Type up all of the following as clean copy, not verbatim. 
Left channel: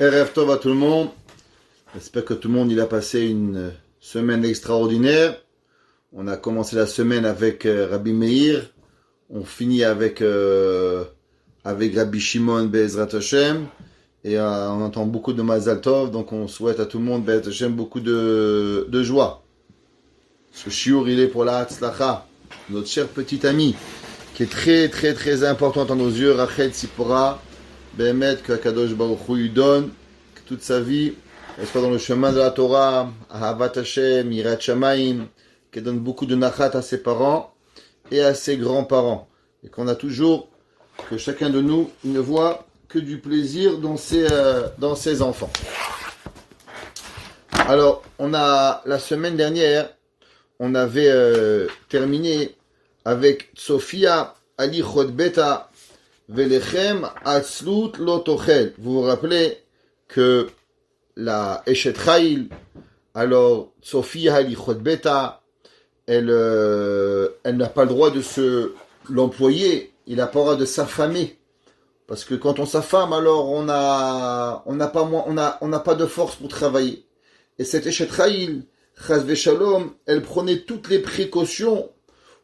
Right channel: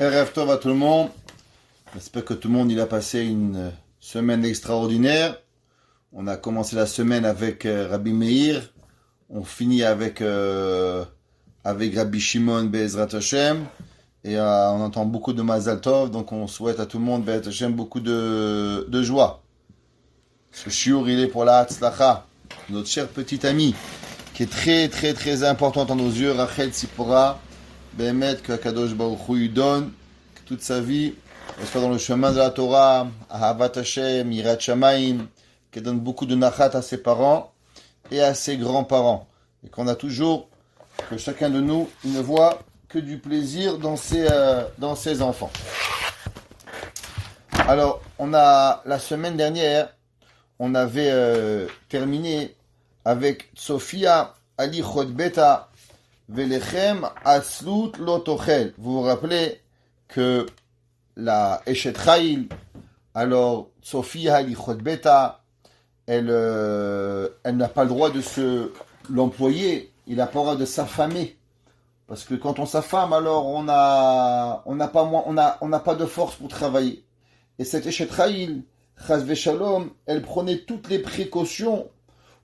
Erev Tov à tout le monde. J'espère que tout le monde il a passé une semaine extraordinaire. On a commencé la semaine avec Rabbi Meir. On finit avec Rabbi Shimon Be'ezrat Hashem. Et on entend beaucoup de Mazal Tov. Donc on souhaite à tout le monde Be'ezrat Hashem beaucoup de joie. Ce shiur il est pour la Hatzlacha, notre cher petit ami, qui est très très très important dans nos yeux. Rachel Tzipora. Behemet que Kadosh Baruch Hu lui donne que toute sa vie, elle soit dans le chemin de la Torah, Ahavat Hashem, Yirat Shamayim, qu'elle donne beaucoup de nachat à ses parents et à ses grands-parents. Et qu'on a toujours, que chacun de nous ne voit que du plaisir dans ses enfants. Alors, la semaine dernière, on avait terminé avec Sophia Ali Chodbeta, Velechem Atzlut Lotochel. Vous vous rappelez que la Eshet Chayil, alors Sophia Halichot Beta, elle n'a pas le droit de l'employer, il n'a pas le droit de s'affamer. Parce que quand on s'affame, alors on n'a pas de force pour travailler. Et cette Eshet Chayil, Chaz Veshalom, elle prenait toutes les précautions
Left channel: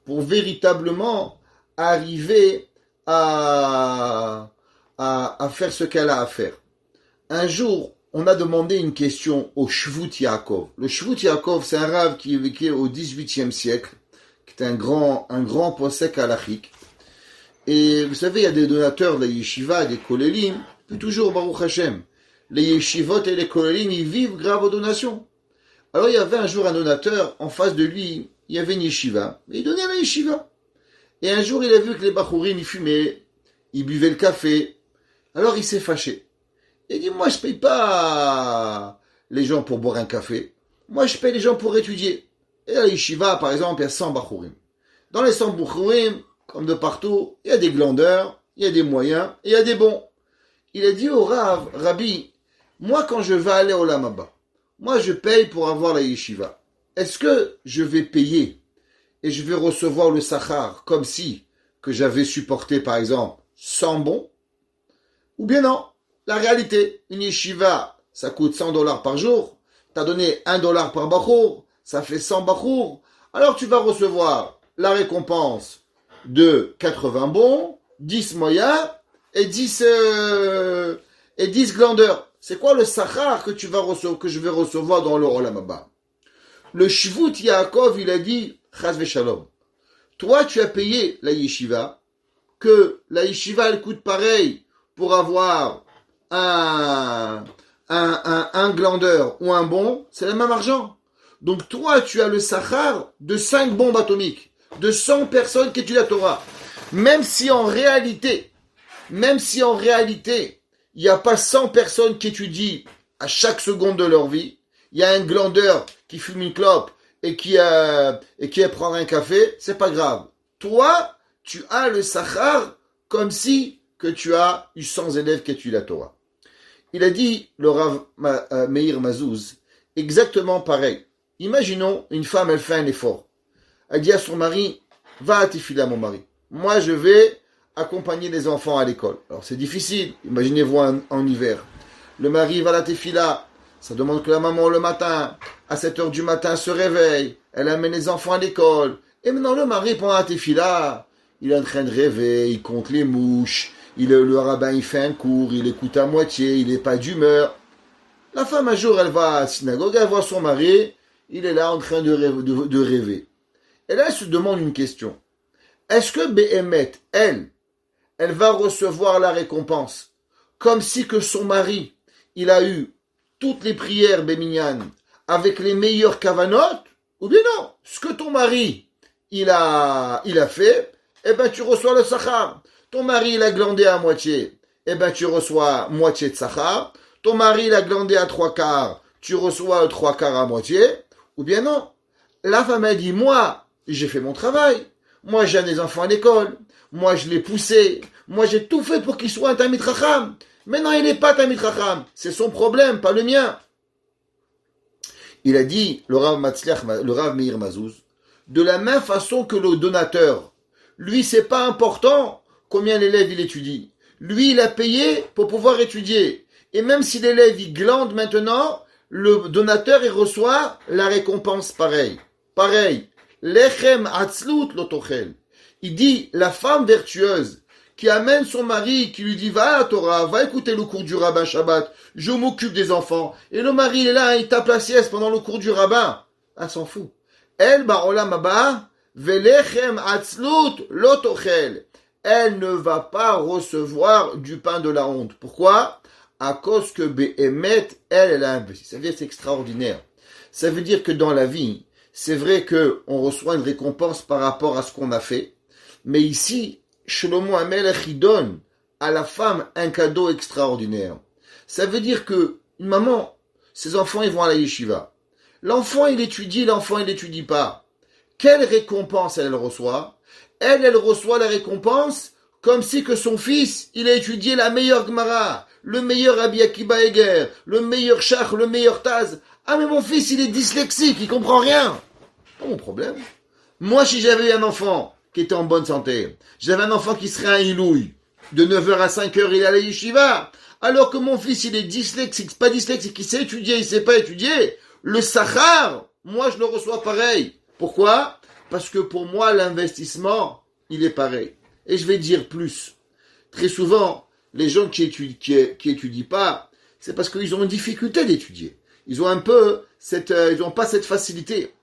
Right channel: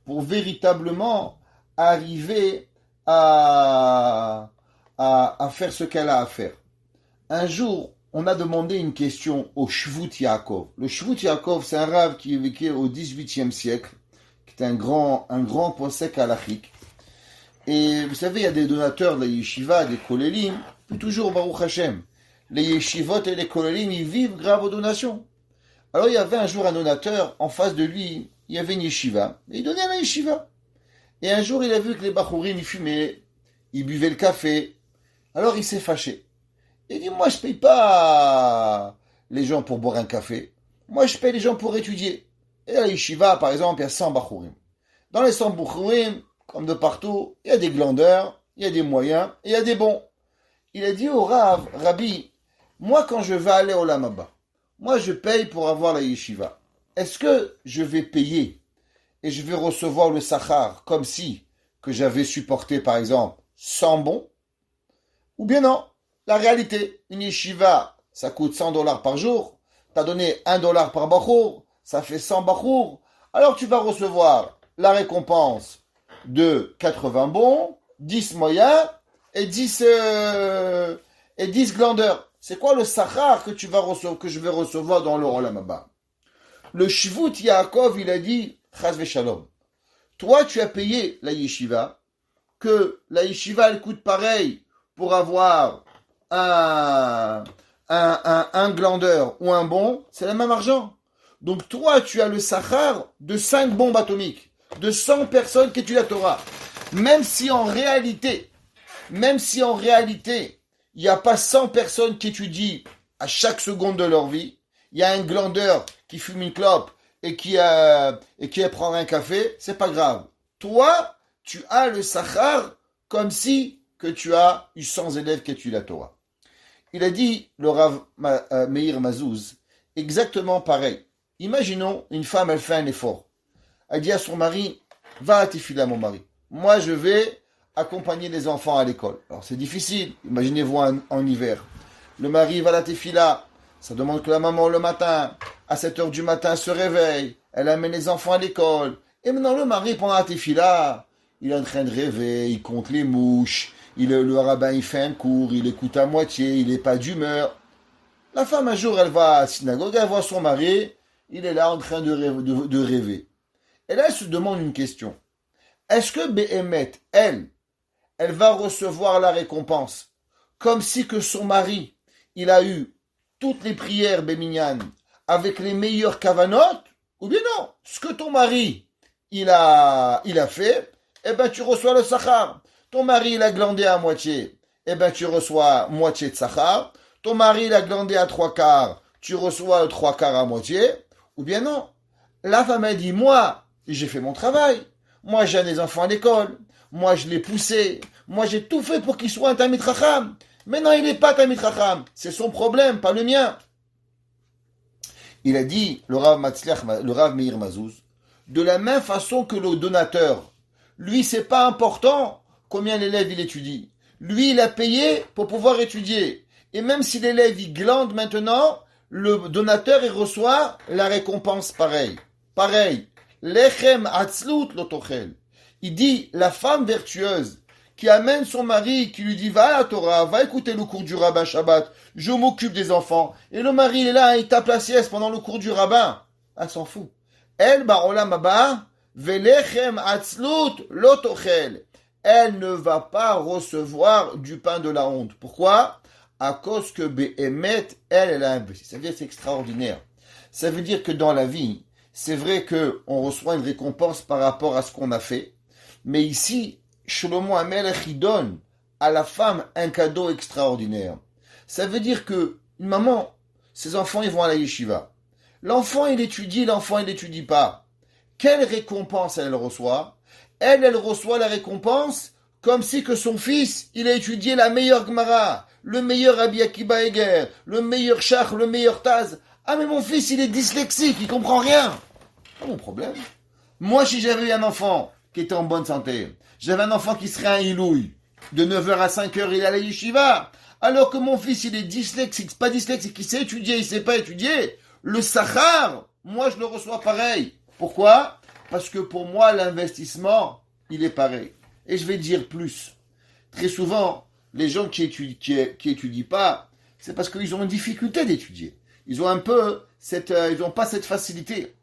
pour véritablement arriver à faire ce qu'elle a à faire. Un jour, on a demandé une question au Shvut Yaakov. Le Shvut Yaakov, c'est un rave qui vécut au XVIIIe siècle, qui est un grand posek halachique. Et vous savez, il y a des donateurs de la yeshiva, des kolélim, puis toujours Baruch Hashem. Les yeshivot et les kolélim, ils vivent grave aux donations. Alors il y avait un jour un donateur, en face de lui, il y avait une yeshiva, et il donnait à la yeshiva. Et un jour, il a vu que les bachourim, ils fumaient, ils buvaient le café. Alors, il s'est fâché. Il dit, moi, je paye pas les gens pour boire un café. Moi, je paye les gens pour étudier. Et à la yeshiva, par exemple, il y a 100 bachourim. Dans les 100 bachourim, comme de partout, il y a des glandeurs, il y a des moyens, et il y a des bons. Il a dit au Rav, Rabbi, moi, quand je vais aller au Lamaba, moi, je paye pour avoir la yeshiva. Est-ce que je vais payer et je vais recevoir le sachar comme si que j'avais supporté, par exemple, 100 bons? Ou bien non, la réalité, une yeshiva, ça coûte $100 par jour, tu as donné $1 par bachour, ça fait 100 bachour, alors tu vas recevoir la récompense de 80 bons, 10 moyens et 10 glandeurs. C'est quoi le sachar que je vais recevoir dans le Olam Haba? Le Shvut Yaakov, il a dit, Chaz Veshalom, toi tu as payé la yeshiva, que la yeshiva elle coûte pareil pour avoir un glandeur ou un bon, c'est le même argent. Donc toi tu as le sachar de 5 bombes atomiques, de 100 personnes qui étudient la Torah. Même si en réalité, il n'y a pas 100 personnes qui étudient à chaque seconde de leur vie, il y a un glandeur qui fume une clope et qui prend un café, c'est pas grave. Toi, tu as le sachar comme si que tu as eu 100 élèves qui étudient la Torah. Il a dit, le Rav Meir Mazouz, exactement pareil. Imaginons, une femme, elle fait un effort. Elle dit à son mari, va à Tefila, mon mari. Moi, je vais accompagner les enfants à l'école. Alors, c'est difficile. Imaginez-vous en hiver. Le mari va à la Tefila. Ça demande que la maman, le matin, à 7h du matin, se réveille. Elle amène les enfants à l'école. Et maintenant, le mari, pendant la Tefila, il est en train de rêver, il compte les mouches. Le rabbin, il fait un cours, il écoute à moitié, il n'est pas d'humeur. La femme, un jour, elle va à la synagogue, elle voit son mari, il est là en train de rêver. Et là, elle se demande une question. Est-ce que Behemet, elle va recevoir la récompense comme si que son mari, il a eu toutes les prières Béminyan avec les meilleures kavanotes, ou bien non, ce que ton mari, il a fait, eh ben tu reçois le sachar. Ton mari, il a glandé à moitié, eh ben tu reçois moitié de sachar. Ton mari, il a glandé à 3/4, tu reçois 3/4 à moitié, ou bien non. La femme a dit, moi, j'ai fait mon travail. Moi, j'ai des enfants à l'école. Moi, je l'ai poussé. Moi, j'ai tout fait pour qu'il soit un Talmid Chacham. Mais non, il n'est pas Talmid Chacham. C'est son problème, pas le mien. Il a dit, le Rav Meir Mazouz, de la même façon que le donateur, lui, c'est pas important combien l'élève il étudie. Lui, il a payé pour pouvoir étudier. Et même si l'élève il glande maintenant, le donateur il reçoit la récompense pareil. Pareil. Lechem atzlut lotochel. Il dit, la femme vertueuse qui amène son mari, qui lui dit, va à la Torah, va écouter le cours du rabbin Shabbat, je m'occupe des enfants. Et le mari est là, il tape la sieste pendant le cours du rabbin. Elle s'en fout. Elle, ba'olam haba, velechem atzlut lotochel. Elle ne va pas recevoir du pain de la honte. Pourquoi? À cause que Behemet, elle a investi. Ça veut dire que c'est extraordinaire. Ça veut dire que dans la vie, c'est vrai qu'on reçoit une récompense par rapport à ce qu'on a fait. Mais ici, Shlomo HaMelech, il donne à la femme un cadeau extraordinaire. Ça veut dire que une maman, ses enfants, ils vont à la yeshiva. L'enfant, il étudie, l'enfant, il n'étudie pas. Quelle récompense elle reçoit? Elle reçoit la récompense comme si que son fils, il a étudié la meilleure Gemara, le meilleur Rabbi Akiba Eger, le meilleur Shach, le meilleur Taz. Ah, mais mon fils, il est dyslexique, il comprend rien. Pas mon problème. Moi, si j'avais eu un enfant qui était en bonne santé, j'avais un enfant qui serait un ilouille, de 9h à 5h, il est à la yeshiva, alors que mon fils, il est dyslexique, pas dyslexique, il sait étudier, il sait pas étudier, le sachar, moi, je le reçois pareil. Pourquoi? Parce que pour moi, l'investissement, il est pareil. Et je vais dire plus. Très souvent, les gens qui étudient pas, c'est parce qu'ils ont une difficulté d'étudier. Ils ont un peu ils n'ont pas cette facilité.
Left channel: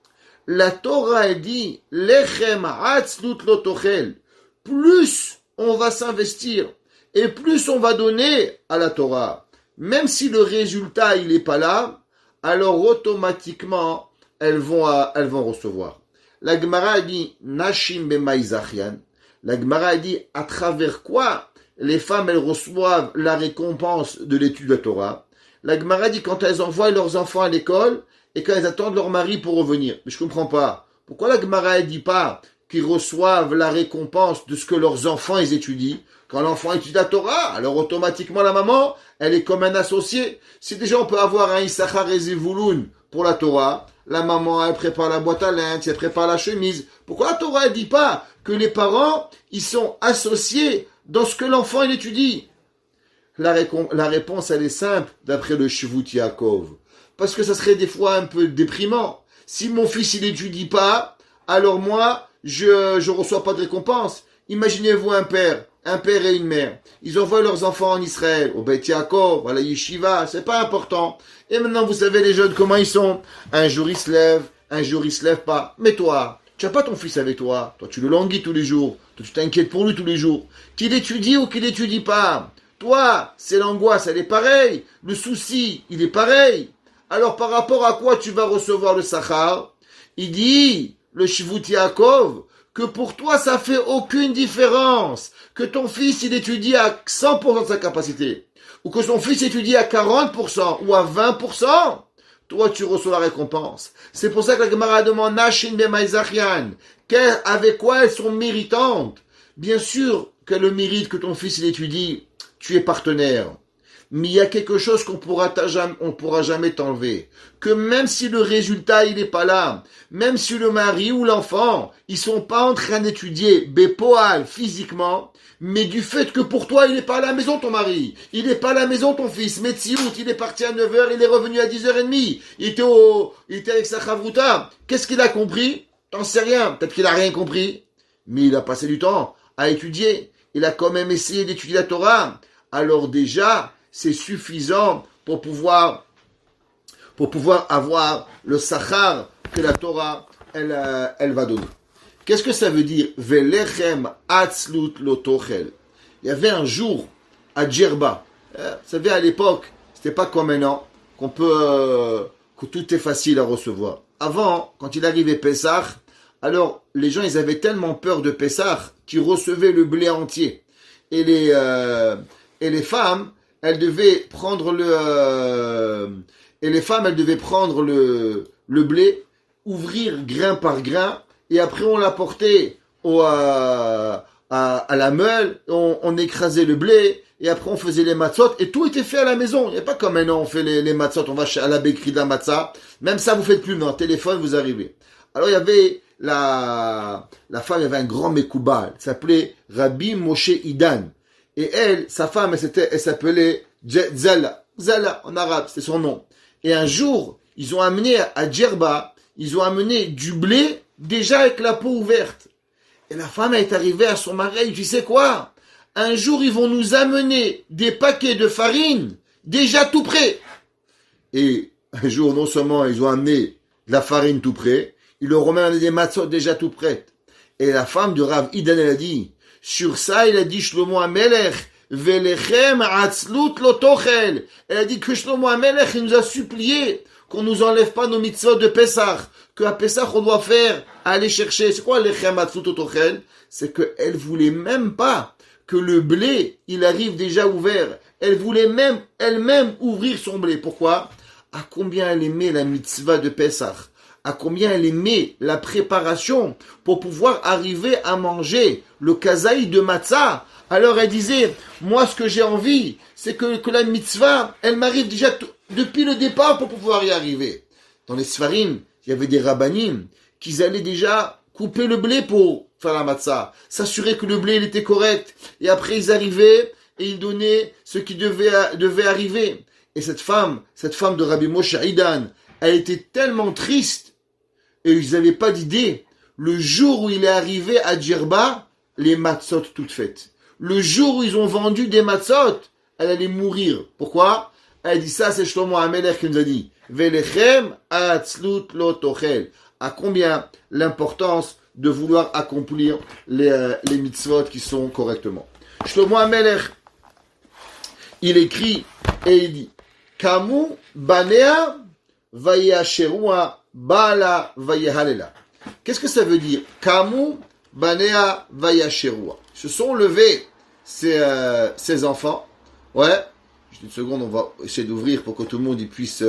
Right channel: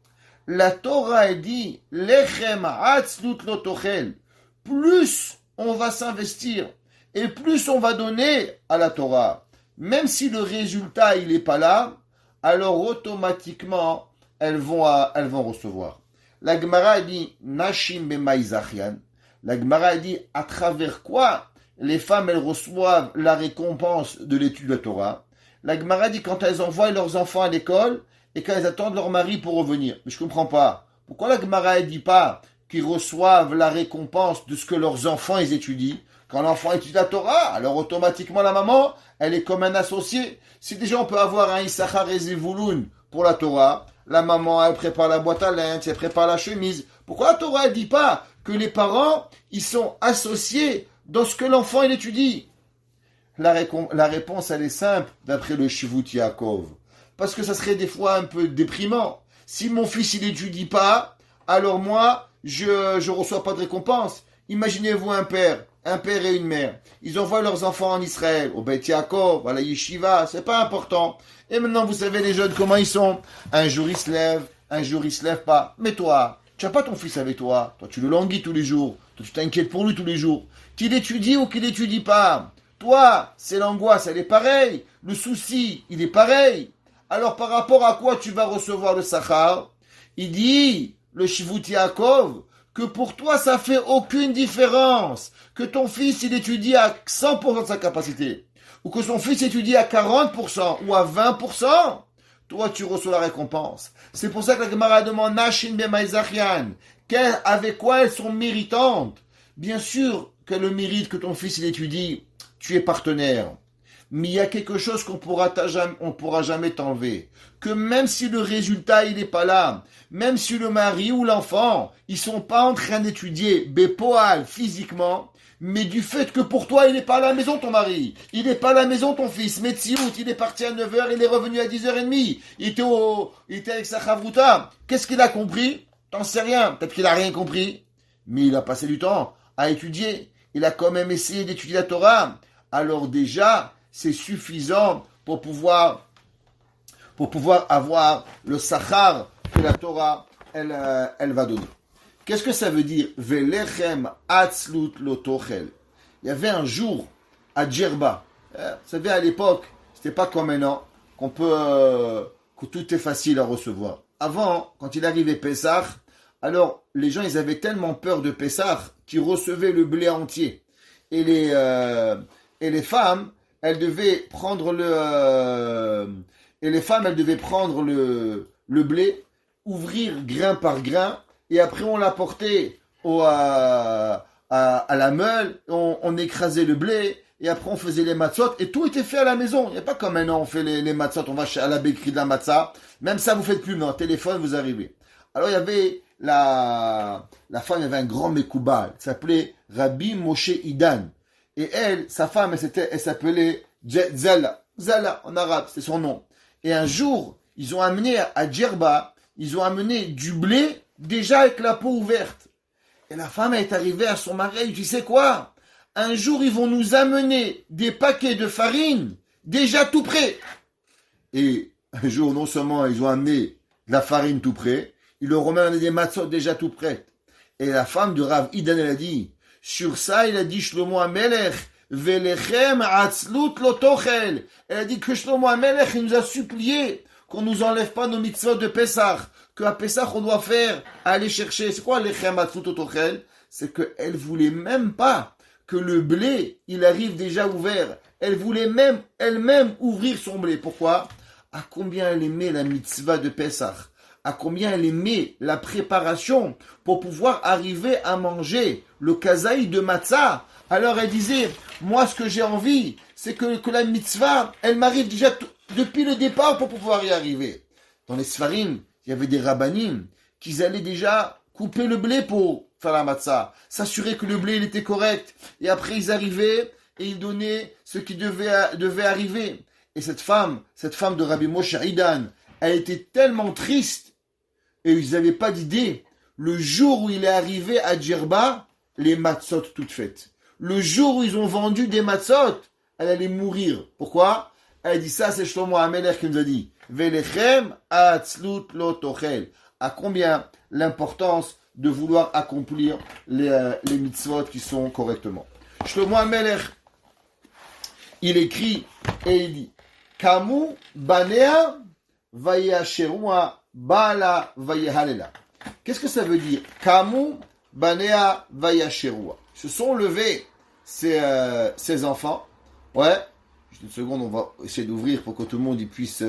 La Torah, elle dit, lechem atzlut lotochel. Plus on va s'investir et plus on va donner à la Torah. Même si le résultat, il n'est pas là, alors automatiquement, elles vont recevoir. La Gemara dit, Nashim b'maizachian. La Gemara dit, à travers quoi les femmes, elles reçoivent la récompense de l'étude de la Torah. La Gemara dit, quand elles envoient leurs enfants à l'école et quand elles attendent leur mari pour revenir. Mais je comprends pas. Pourquoi la Gemara ne dit pas qu'ils reçoivent la récompense de ce que leurs enfants ils étudient? Quand l'enfant étudie la Torah, alors automatiquement la maman, elle est comme un associé. Si déjà on peut avoir un Issachar et Zevulun pour la Torah, la maman, elle prépare la boîte à linge, elle prépare la chemise. Pourquoi la Torah ne dit pas que les parents, ils sont associés dans ce que l'enfant il étudie? La réponse, elle est simple, d'après le Shivut Yaakov. Parce que ça serait des fois un peu déprimant. Si mon fils, il n'étudie pas, alors moi, je reçois pas de récompense. Imaginez-vous un père et une mère. Ils envoient leurs enfants en Israël, au Beit Yaakov, à la Yeshiva, c'est pas important. Et maintenant, vous savez, les jeunes, comment ils sont? Un jour, ils se lèvent, un jour, ils se lèvent pas. Mais toi, tu n'as pas ton fils avec toi. Toi, tu le languis tous les jours. Toi, tu t'inquiètes pour lui tous les jours. Qu'il étudie ou qu'il n'étudie pas. Toi, c'est l'angoisse, elle est pareille. Le souci, il est pareil. Alors, par rapport à quoi tu vas recevoir le Sachar? Il dit, le Shivut Yaakov, que pour toi, ça fait aucune différence. Que ton fils, il étudie à 100% de sa capacité. Ou que son fils étudie à 40% ou à 20%. Toi, tu reçois la récompense. C'est pour ça que la Gemara demande, Nashin b'maizachian. Avec quoi elles sont méritantes? Bien sûr que le mérite que ton fils, il étudie, tu es partenaire. Mais il y a quelque chose qu'on pourra jamais t'enlever. Que même si le résultat, il n'est pas là, même si le mari ou l'enfant, ils sont pas en train d'étudier bépoal physiquement, mais du fait que pour toi, il n'est pas à la maison ton mari, il n'est pas à la maison ton fils, Metsiout, il est parti à 9h, il est revenu à 10h30, il était avec sa chavruta. Qu'est-ce qu'il a compris? T'en sais rien, peut-être qu'il a rien compris, mais il a passé du temps à étudier, il a quand même essayé d'étudier la Torah. Alors déjà, c'est suffisant pour pouvoir avoir le sachar que la Torah, elle va donner. Qu'est-ce que ça veut dire? Velechem atzlut lotochel. Il y avait un jour à Djerba. Vous savez, à l'époque, c'était pas comme maintenant, que tout est facile à recevoir. Avant, quand il arrivait Pessah, alors les gens, ils avaient tellement peur de Pessah qu'ils recevaient le blé entier. Et les femmes, elles devaient prendre le blé, ouvrir grain par grain, et après on l'apportait à la meule, on écrasait le blé, et après on faisait les matzot, et tout était fait à la maison. Il n'y a pas comme maintenant on fait les matzot, on va à la bakery de la matzah. Même ça vous faites plus, mais en téléphone vous arrivez. Alors il y avait la femme, il y avait un grand Mekouba, elle s'appelait Rabbi Moshe Idan. Et elle, sa femme, elle s'appelait Zella. Zala, en arabe, c'est son nom. Et un jour, ils ont amené à Djerba, ils ont amené du blé déjà avec la peau ouverte. Et la femme est arrivée à son mari, elle dit, tu sais quoi? Un jour, ils vont nous amener des paquets de farine déjà tout prêts. Et un jour, non seulement ils ont amené de la farine tout près, ils leur ont même amené des matzot déjà tout prêtes. Et la femme de Rav Idan, elle a dit, sur ça, il a dit, Shlomo HaMelech, Velechem atzlut lo tochel. Elle a dit que Shlomo HaMelech, il nous a supplié qu'on nous enlève pas nos mitzvot de Pessah, qu'à Pessah, on doit faire, aller chercher. C'est quoi lechem atzlut lo tochel? C'est qu'elle voulait même pas que le blé, il arrive déjà ouvert. Elle voulait même, elle-même, ouvrir son blé. Pourquoi? À combien elle aimait la mitzvah de Pessah, à combien elle aimait la préparation pour pouvoir arriver à manger le kazaï de matzah. Alors elle disait, moi ce que j'ai envie, c'est que la mitzvah, elle m'arrive déjà depuis le départ pour pouvoir y arriver. Dans les Sfarim, il y avait des rabbanim qui allaient déjà couper le blé pour faire la matzah, s'assurer que le blé il était correct, et après ils arrivaient et ils donnaient ce qui devait arriver. Et cette femme de Rabbi Moshe Idan, elle était tellement triste, et ils n'avaient pas d'idée. Le jour où il est arrivé à Djerba, les matzot toutes faites. Le jour où ils ont vendu des matzot, elle allait mourir. Pourquoi? Elle dit ça, c'est Shlomo HaMelech qui nous a dit. Velechem atzlut lo tochel. À combien l'importance de vouloir accomplir les mitzvot qui sont correctement. Shlomo HaMelech, il écrit et il dit, Kamu banea vayasherua bala vayahalela. Qu'est-ce que ça veut dire? Kamu banea vayasherua. Se sont levés ces enfants. Ouais. Juste une seconde, on va essayer d'ouvrir pour que tout le monde y puisse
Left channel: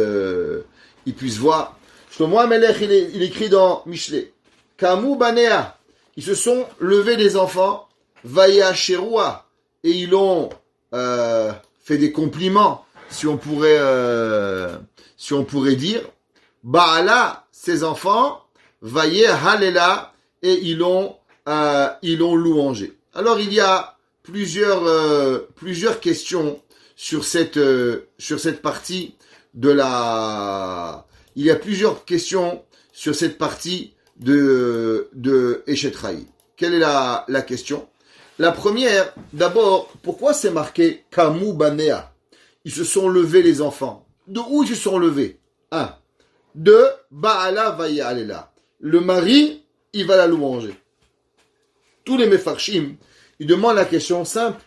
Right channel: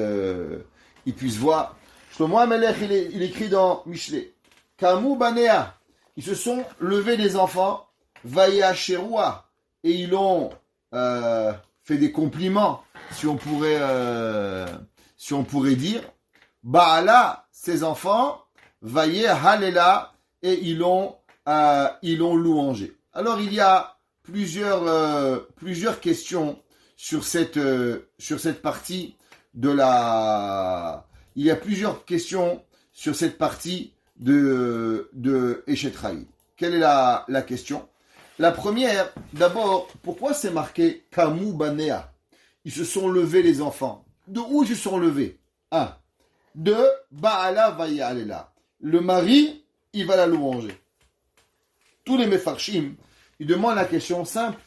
voir. Shlomo HaMelech, il écrit dans Mishlei. Kamu banea. Ils se sont levés les enfants. Vayasherua. Et ils ont fait des compliments. Si on pourrait dire, Baala, ses enfants, Vaye Halela, et ils l'ont louangé. Alors il y a plusieurs questions sur cette partie de la. Il y a plusieurs questions sur cette partie de Eshet Raï. Quelle est la question? La première, d'abord, pourquoi c'est marqué Kamu Banea? Ils se sont levés les enfants. De où ils se sont levés? 1. 2. Baala Vayahalela. Le mari, il va la louanger. Tous les Mefarshim, ils demandent la question simple.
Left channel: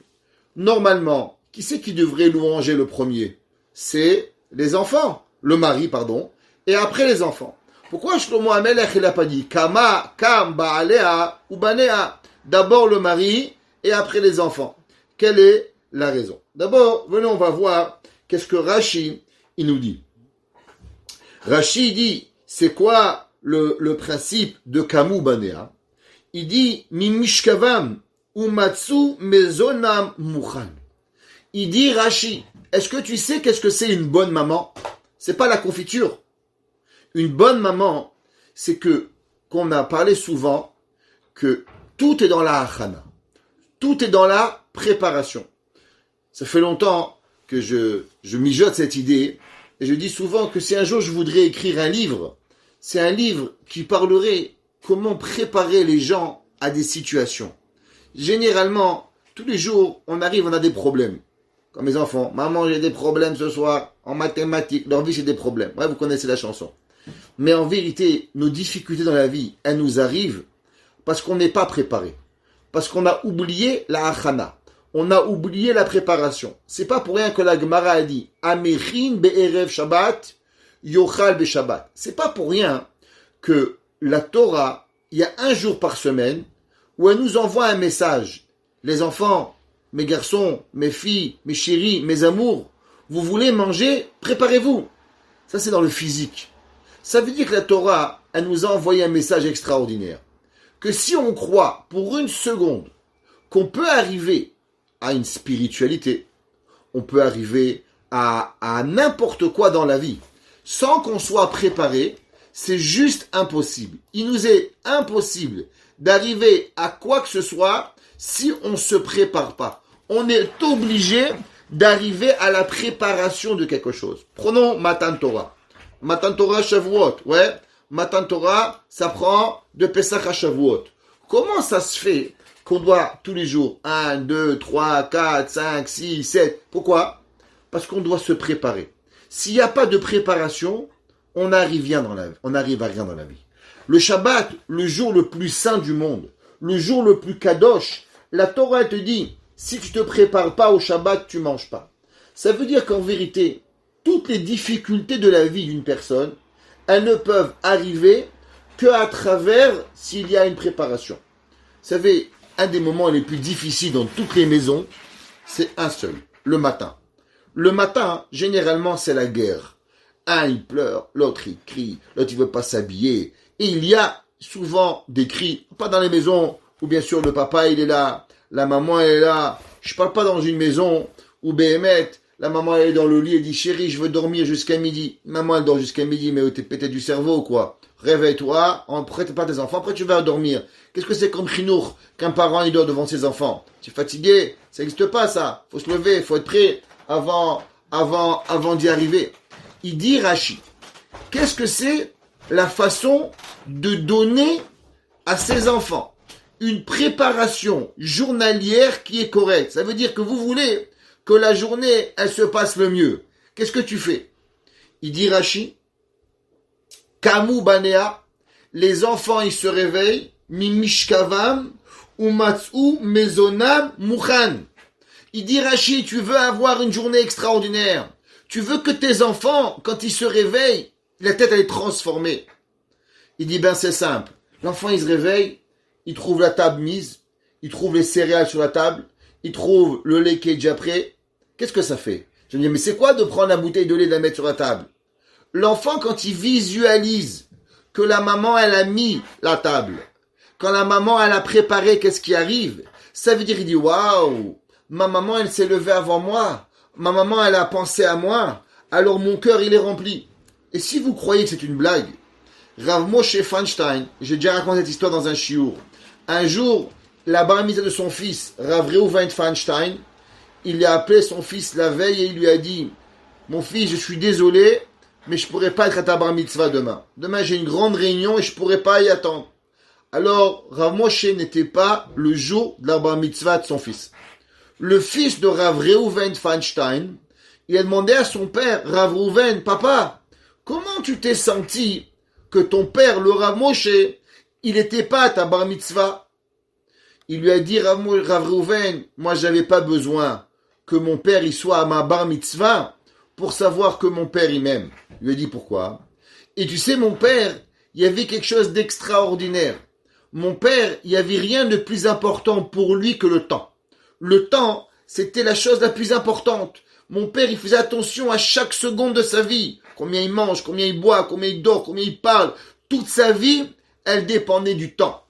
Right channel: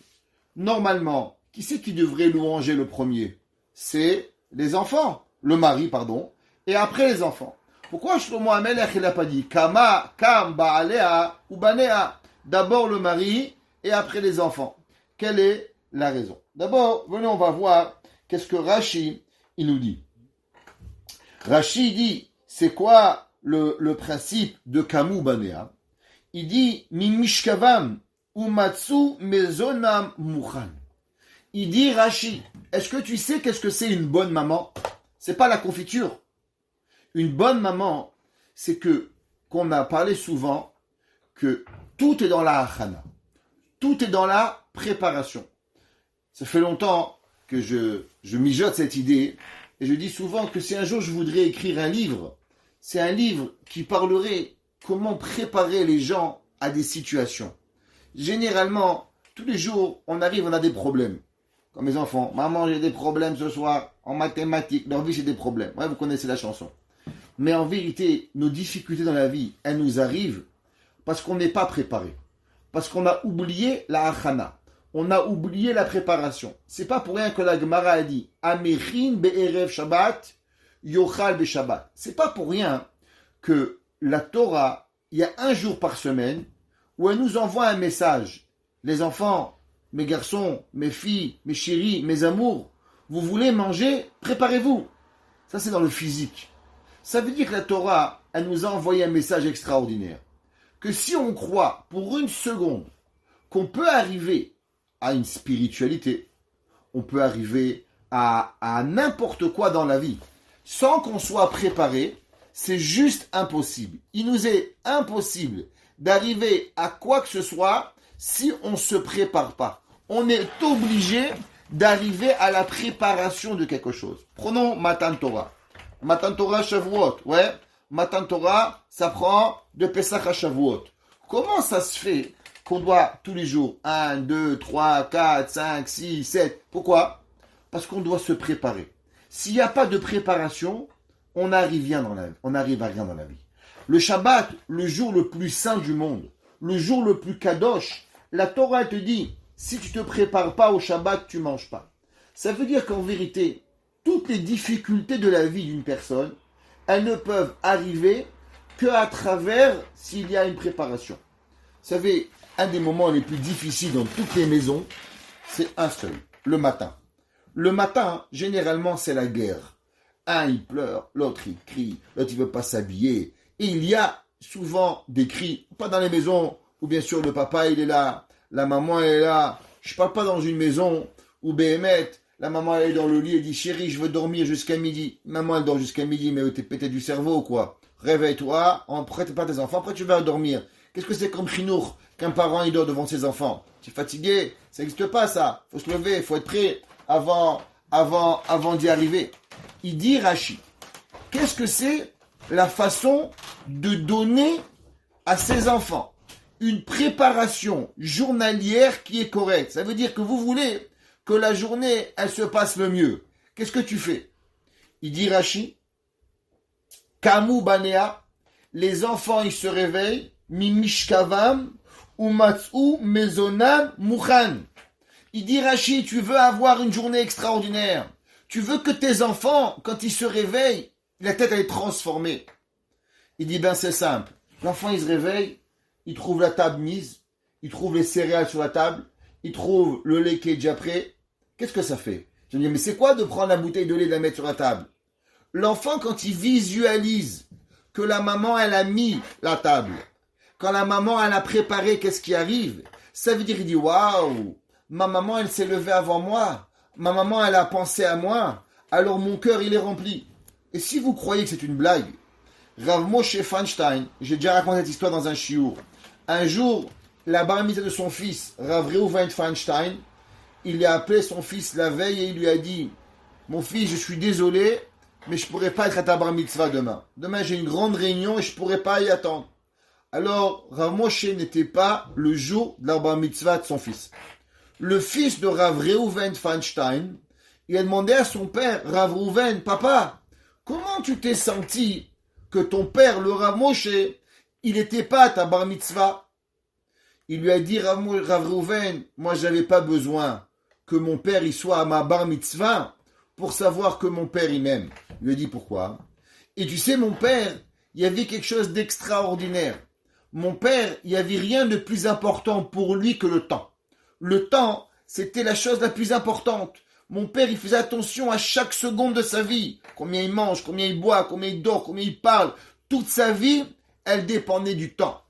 Normalement, qui c'est qui devrait louanger le premier? C'est les enfants. Le mari, pardon. Et après les enfants. Pourquoi Shlomo HaMelech, il n'a pas dit Kam Baalea ou Banea? D'abord le mari et après les enfants. Quelle est la raison? D'abord, venez, on va voir qu'est-ce que Rashi, il nous dit. Rashi dit, c'est quoi le principe de Kamu Banea? Il dit, Mimishkavam umatsu mezonam muchan. Il dit, Rashi, est-ce que tu sais qu'est-ce que c'est une bonne maman? C'est pas la confiture. Une bonne maman, c'est qu'on a parlé souvent que tout est dans la achana. Tout est dans la préparation. Ça fait longtemps que je mijote cette idée et je dis souvent que si un jour je voudrais écrire un livre, c'est un livre qui parlerait comment préparer les gens à des situations. Généralement, tous les jours, on a des problèmes. Comme mes enfants, maman, j'ai des problèmes ce soir en mathématiques. Leur vie, c'est des problèmes. Ouais, vous connaissez la chanson. Mais en vérité, nos difficultés dans la vie, elles nous arrivent parce qu'on n'est pas préparé. Parce qu'on a oublié la achana. On a oublié la préparation. C'est pas pour rien que la Gemara a dit Amechin be'erev Shabbat, yochal be'Shabbat. C'est pas pour rien que la Torah, il y a un jour par semaine où elle nous envoie un message. Les enfants, mes garçons, mes filles, mes chéris, mes amours, vous voulez manger, préparez-vous. Ça, c'est dans le physique. Ça veut dire que la Torah, elle nous a envoyé un message extraordinaire. Que si on croit pour une seconde qu'on peut arriver à une spiritualité, on peut arriver à n'importe quoi dans la vie, sans qu'on soit préparé, c'est juste impossible. Il nous est impossible d'arriver à quoi que ce soit si on ne se prépare pas. On est obligé d'arriver à la préparation de quelque chose. Prenons Matan Torah. Matan Torah Shavuot, ouais. Matan Torah, ça prend de Pesach à Shavuot. Comment ça se fait qu'on doit tous les jours 1, 2, 3, 4, 5, 6, 7. Pourquoi? Parce qu'on doit se préparer. S'il n'y a pas de préparation, on n'arrive à rien dans la vie. Le Shabbat, le jour le plus saint du monde, le jour le plus kadosh, la Torah te dit, si tu ne te prépares pas au Shabbat, tu ne manges pas. Ça veut dire qu'en vérité, toutes les difficultés de la vie d'une personne, elles ne peuvent arriver qu'à travers s'il y a une préparation. Vous savez, un des moments les plus difficiles dans toutes les maisons, c'est un seul, le matin. Le matin, généralement, c'est la guerre. Un, il pleure, l'autre, il crie, l'autre, il ne veut pas s'habiller. Et il y a souvent des cris, pas dans les maisons où bien sûr le papa, il est là, la maman, elle est là. Je ne parle pas dans une maison où Béhémet, la maman, elle est dans le lit et dit, chérie, je veux dormir jusqu'à midi. Maman, elle dort jusqu'à midi, mais t'es pété du cerveau, quoi. Réveille-toi, prête pas tes enfants, après tu vas dormir. Qu'est-ce que c'est comme chinour qu'un parent il dort devant ses enfants? Tu es fatigué? Ça n'existe pas ça. Faut se lever, faut être prêt avant d'y arriver. Il dit Rashi, qu'est-ce que c'est la façon de donner à ses enfants une préparation journalière qui est correcte? Ça veut dire que vous voulez que la journée, elle se passe le mieux. Qu'est-ce que tu fais? Il dit Rashi, Kamu Banea, les enfants ils se réveillent, Mimishkavam, Umatsu Mezonam Mukhan. Il dit Rashi, tu veux avoir une journée extraordinaire. Tu veux que tes enfants, quand ils se réveillent, la tête elle est transformée. Il dit ben c'est simple. L'enfant il se réveille, il trouve la table mise, il trouve les céréales sur la table, il trouve le lait qui est déjà prêt. Qu'est-ce que ça fait? Je me dis mais c'est quoi de prendre la bouteille de lait et de la mettre sur la table? L'enfant quand il visualise que la maman elle a mis la table, quand la maman elle a préparé qu'est-ce qui arrive, ça veut dire il dit waouh, ma maman elle s'est levée avant moi, ma maman elle a pensé à moi, alors mon cœur il est rempli. Et si vous croyez que c'est une blague, Rav Moshe Feinstein, j'ai déjà raconté cette histoire dans un shiur. Un jour, la bar mitzvah de son fils, Rav Reuven Feinstein, il a appelé son fils la veille et il lui a dit mon fils, je suis désolé, mais je ne pourrai pas être à ta bar mitzvah demain. Demain j'ai une grande réunion et je ne pourrai pas y attendre. Alors, Rav Moshe n'était pas le jour de la bar mitzvah de son fils. Le fils de Rav Reuven Feinstein, il a demandé à son père, Rav Reuven, papa, comment tu t'es senti que ton père, le Rav Moshe, il n'était pas à ta bar mitzvah? Il lui a dit, Rav Reuven, moi j'avais pas besoin que mon père il soit à ma bar mitzvah pour savoir que mon père il m'aime. Il lui a dit pourquoi? Et tu sais, mon père, il y avait quelque chose d'extraordinaire. Mon père, il n'y avait rien de plus important pour lui que le temps. Le temps, c'était la chose la plus importante. Mon père, il faisait attention à chaque seconde de sa vie. Combien il mange, combien il boit, combien il dort, combien il parle. Toute sa vie, elle dépendait du temps.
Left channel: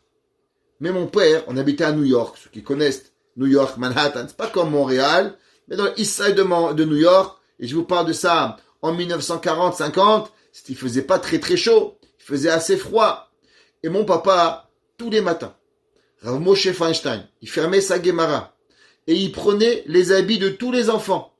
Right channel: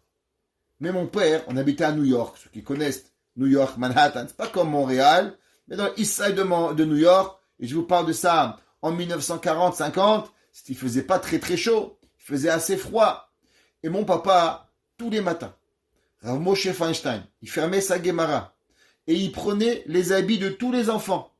Mais mon père, on habitait à New York. Ceux qui connaissent New York, Manhattan, c'est pas comme Montréal, mais dans l'East Side de New York. Et je vous parle de ça en 1940-50. Il faisait pas très très chaud. Il faisait assez froid. Et mon papa, tous les matins, Rav Moshe Feinstein, il fermait sa Gemara. Et il prenait les habits de tous les enfants.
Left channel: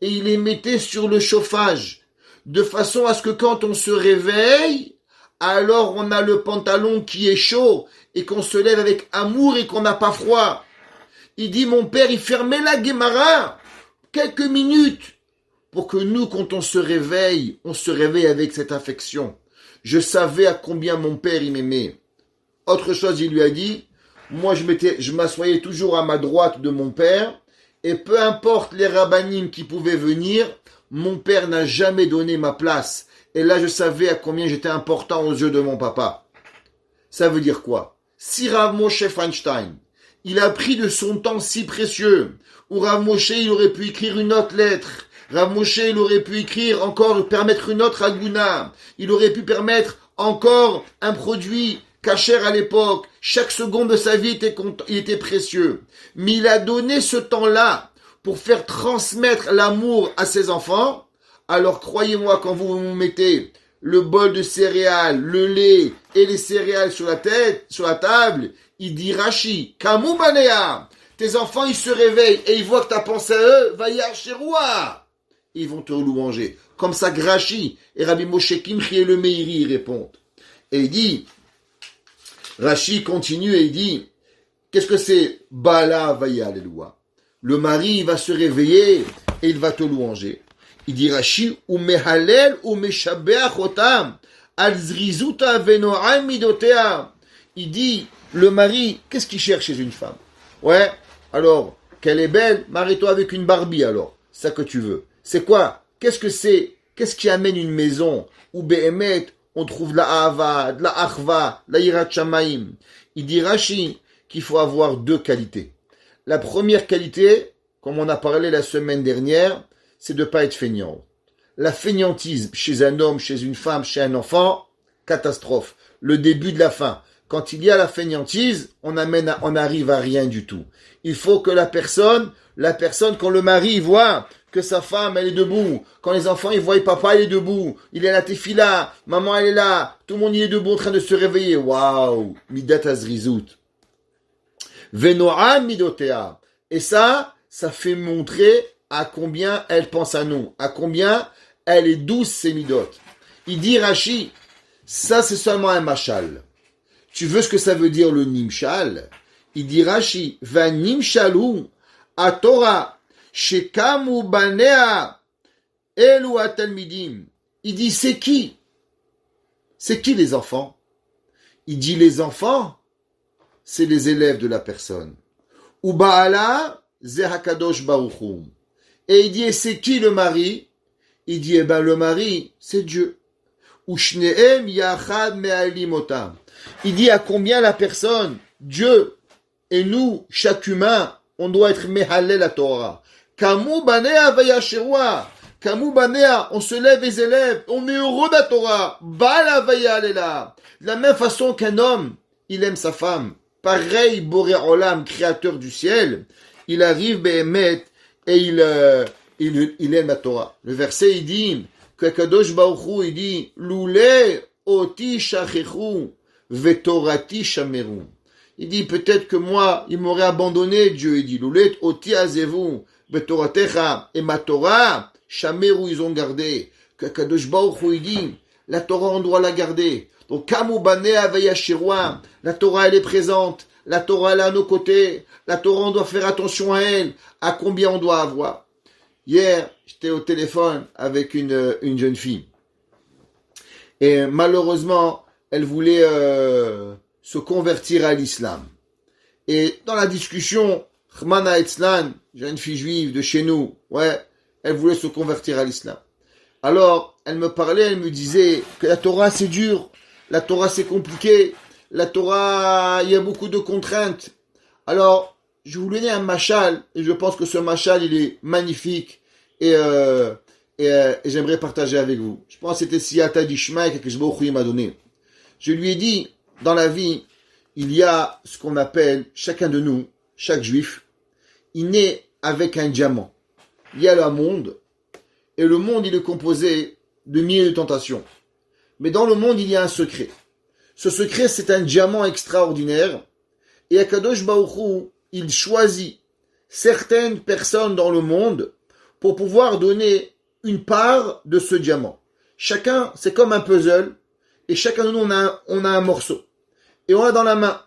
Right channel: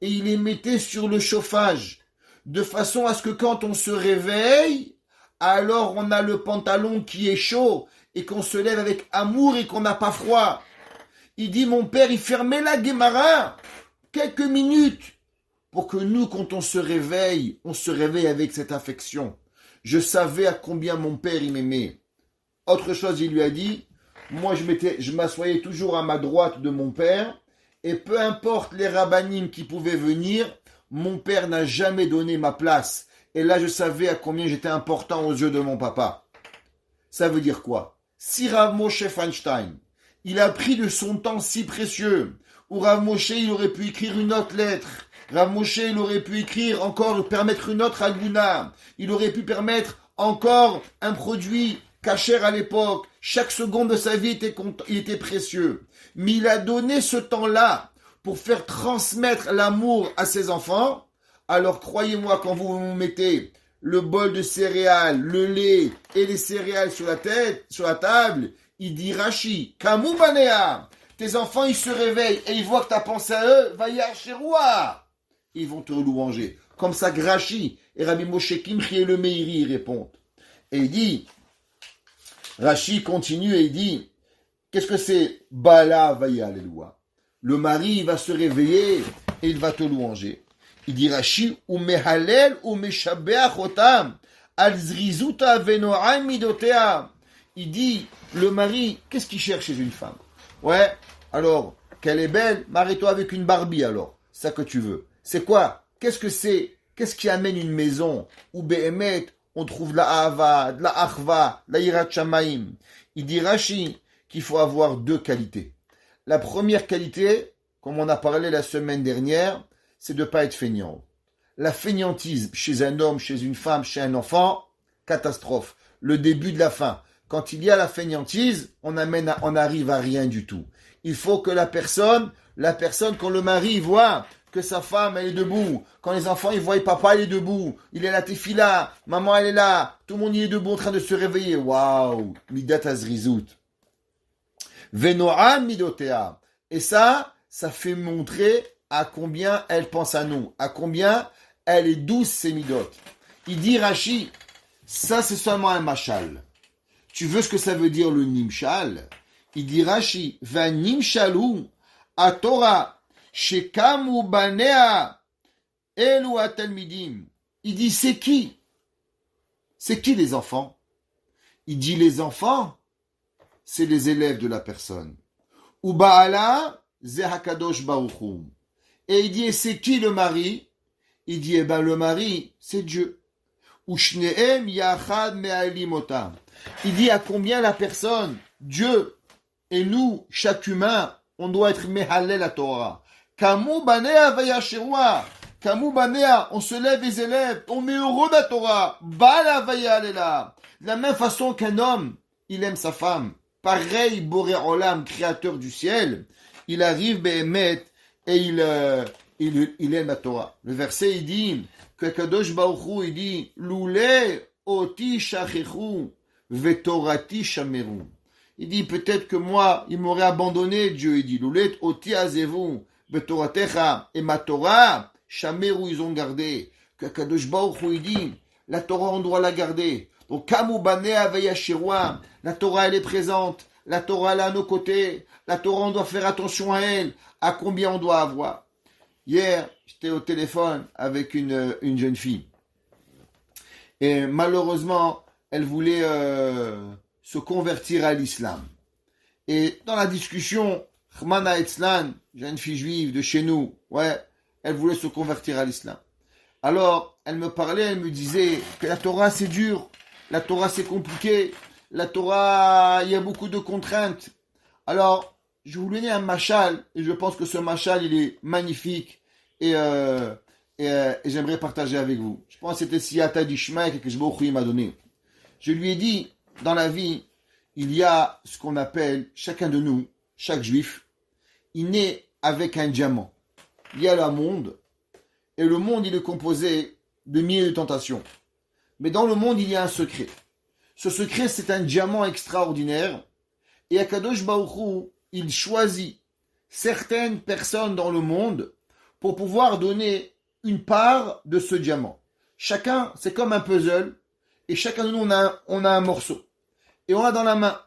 Et il les mettait sur le chauffage. De façon à ce que quand on se réveille, alors on a le pantalon qui est chaud. Et qu'on se lève avec amour et qu'on n'a pas froid. Il dit, mon père, il fermait la Gemara quelques minutes. Pour que nous, quand on se réveille avec cette affection. Je savais à combien mon père, il m'aimait. Autre chose, il lui a dit, moi, je m'assoyais toujours à ma droite de mon père, et peu importe les rabbanim qui pouvaient venir, mon père n'a jamais donné ma place. Et là, je savais à combien j'étais important aux yeux de mon papa. Ça veut dire quoi? Si Rav Moshe Feinstein, il a pris de son temps si précieux, où Rav Moshe, il aurait pu écrire une autre lettre, Rav Moshe, il aurait pu écrire encore, permettre une autre aguna, il aurait pu permettre encore un produit kasher à l'époque. Chaque seconde de sa vie il était précieux. Mais il a donné ce temps-là pour faire transmettre l'amour à ses enfants. Alors croyez-moi, quand vous mettez le bol de céréales, le lait et les céréales sur la table, il dit Rashi, Kamu Banea, tes enfants, ils se réveillent et ils voient que tu as pensé à eux, va y chez roi. Ils vont te louanger. Comme ça, Grachi et Rabbi Moshe Kimchi et le Meiri répondent. Et il dit, Rashi continue et il dit, qu'est-ce que c'est Bala Vaya Alléluia. Le mari il va se réveiller et il va te louanger. Il dit Rashi, ou mehalel ou meshabeach otam, al zrizuta venoam midotea. Il dit, le mari, qu'est-ce qu'il cherche chez une femme? Ouais, alors, qu'elle est belle, marie-toi avec une Barbie alors. C'est ça que tu veux. C'est quoi? Qu'est-ce que c'est? Qu'est-ce qui amène une maison où Behemet, on trouve de la Ahava, de la Achva, de la Yirat Shamaim? Il dit Rashi qu'il faut avoir deux qualités. La première qualité, comme on a parlé la semaine dernière, c'est de ne pas être feignant. La feignantise chez un homme, chez une femme, chez un enfant, catastrophe. Le début de la fin. Quand il y a la feignantise, on arrive à rien du tout. Il faut que la personne, quand le mari voit que sa femme, elle est debout, quand les enfants, ils voient papa, il est debout, il est à la tefila, maman, elle est là, tout le monde, il est debout en train de se réveiller. Waouh! Midat azrizout. Venoa midotea. Et ça fait montrer à combien elle pense à nous, à combien elle est douce, ces midot. Il dit Rashi, ça c'est seulement un machal. Tu veux ce que ça veut dire le nimshal? Il dit Rashi, va nimshalu a Torah, shekamu banea elu atalmidim. Il dit c'est qui? C'est qui les enfants? Il dit les enfants, c'est les élèves de la personne. Ou Baala, ze hakadosh baruch hu. Et il dit, et c'est qui le mari? Il dit, eh ben le mari, c'est Dieu. Ou shneem yachad me'alim otam. Il dit à combien la personne, Dieu et nous, chaque humain, on doit être mehalel la Torah. Kamu banea vayasherwa. Kamu banea, on se lève les élèves, on est heureux de la Torah. Bala vayalela. De la même façon qu'un homme, il aime sa femme. Pareil, Boré Olam, créateur du ciel, il arrive, Behemet, et il aime la Torah. Le verset, il dit, que Kadosh Baruch Hu, il dit, Loulé oti shachechu, vetorati shameru. Il dit, peut-être que moi, il m'aurait abandonné, Dieu, il dit, Loulé oti azevu, vetoratecha, et ma Torah, shameru, ils ont gardé. Que Kadosh Baruch Hu, il dit, la Torah, on doit la garder. Donc, Kamu Banea Vayashirwa, la Torah, elle est présente. La Torah, elle est à nos côtés. La Torah, on doit faire attention à elle. À combien on doit avoir? Hier, j'étais au téléphone avec une jeune fille. Et malheureusement, elle voulait se convertir à l'islam. Et dans la discussion, Khmana Etzlan, jeune fille juive de chez nous, ouais, elle voulait se convertir à l'islam. Alors, elle me parlait, elle me disait que la Torah, c'est dur. La Torah, c'est compliqué. La Torah, il y a beaucoup de contraintes. Alors, je vous donner un machal, et je pense que ce machal, il est magnifique, et j'aimerais partager avec vous. Je pense que c'était Siyata d'Ishmael que je m'a donné. Je lui ai dit, dans la vie, il y a ce qu'on appelle, chacun de nous, chaque juif, il naît avec un diamant. Il y a le monde, et le monde, il est composé de milliers de tentations. Mais dans le monde, il y a un secret. Ce secret, c'est un diamant extraordinaire. Et Akadosh Baruch Hu, il choisit certaines personnes dans le monde pour pouvoir donner une part de ce diamant. Chacun, c'est comme un puzzle. Et chacun de nous, on a un morceau. Et on a dans la main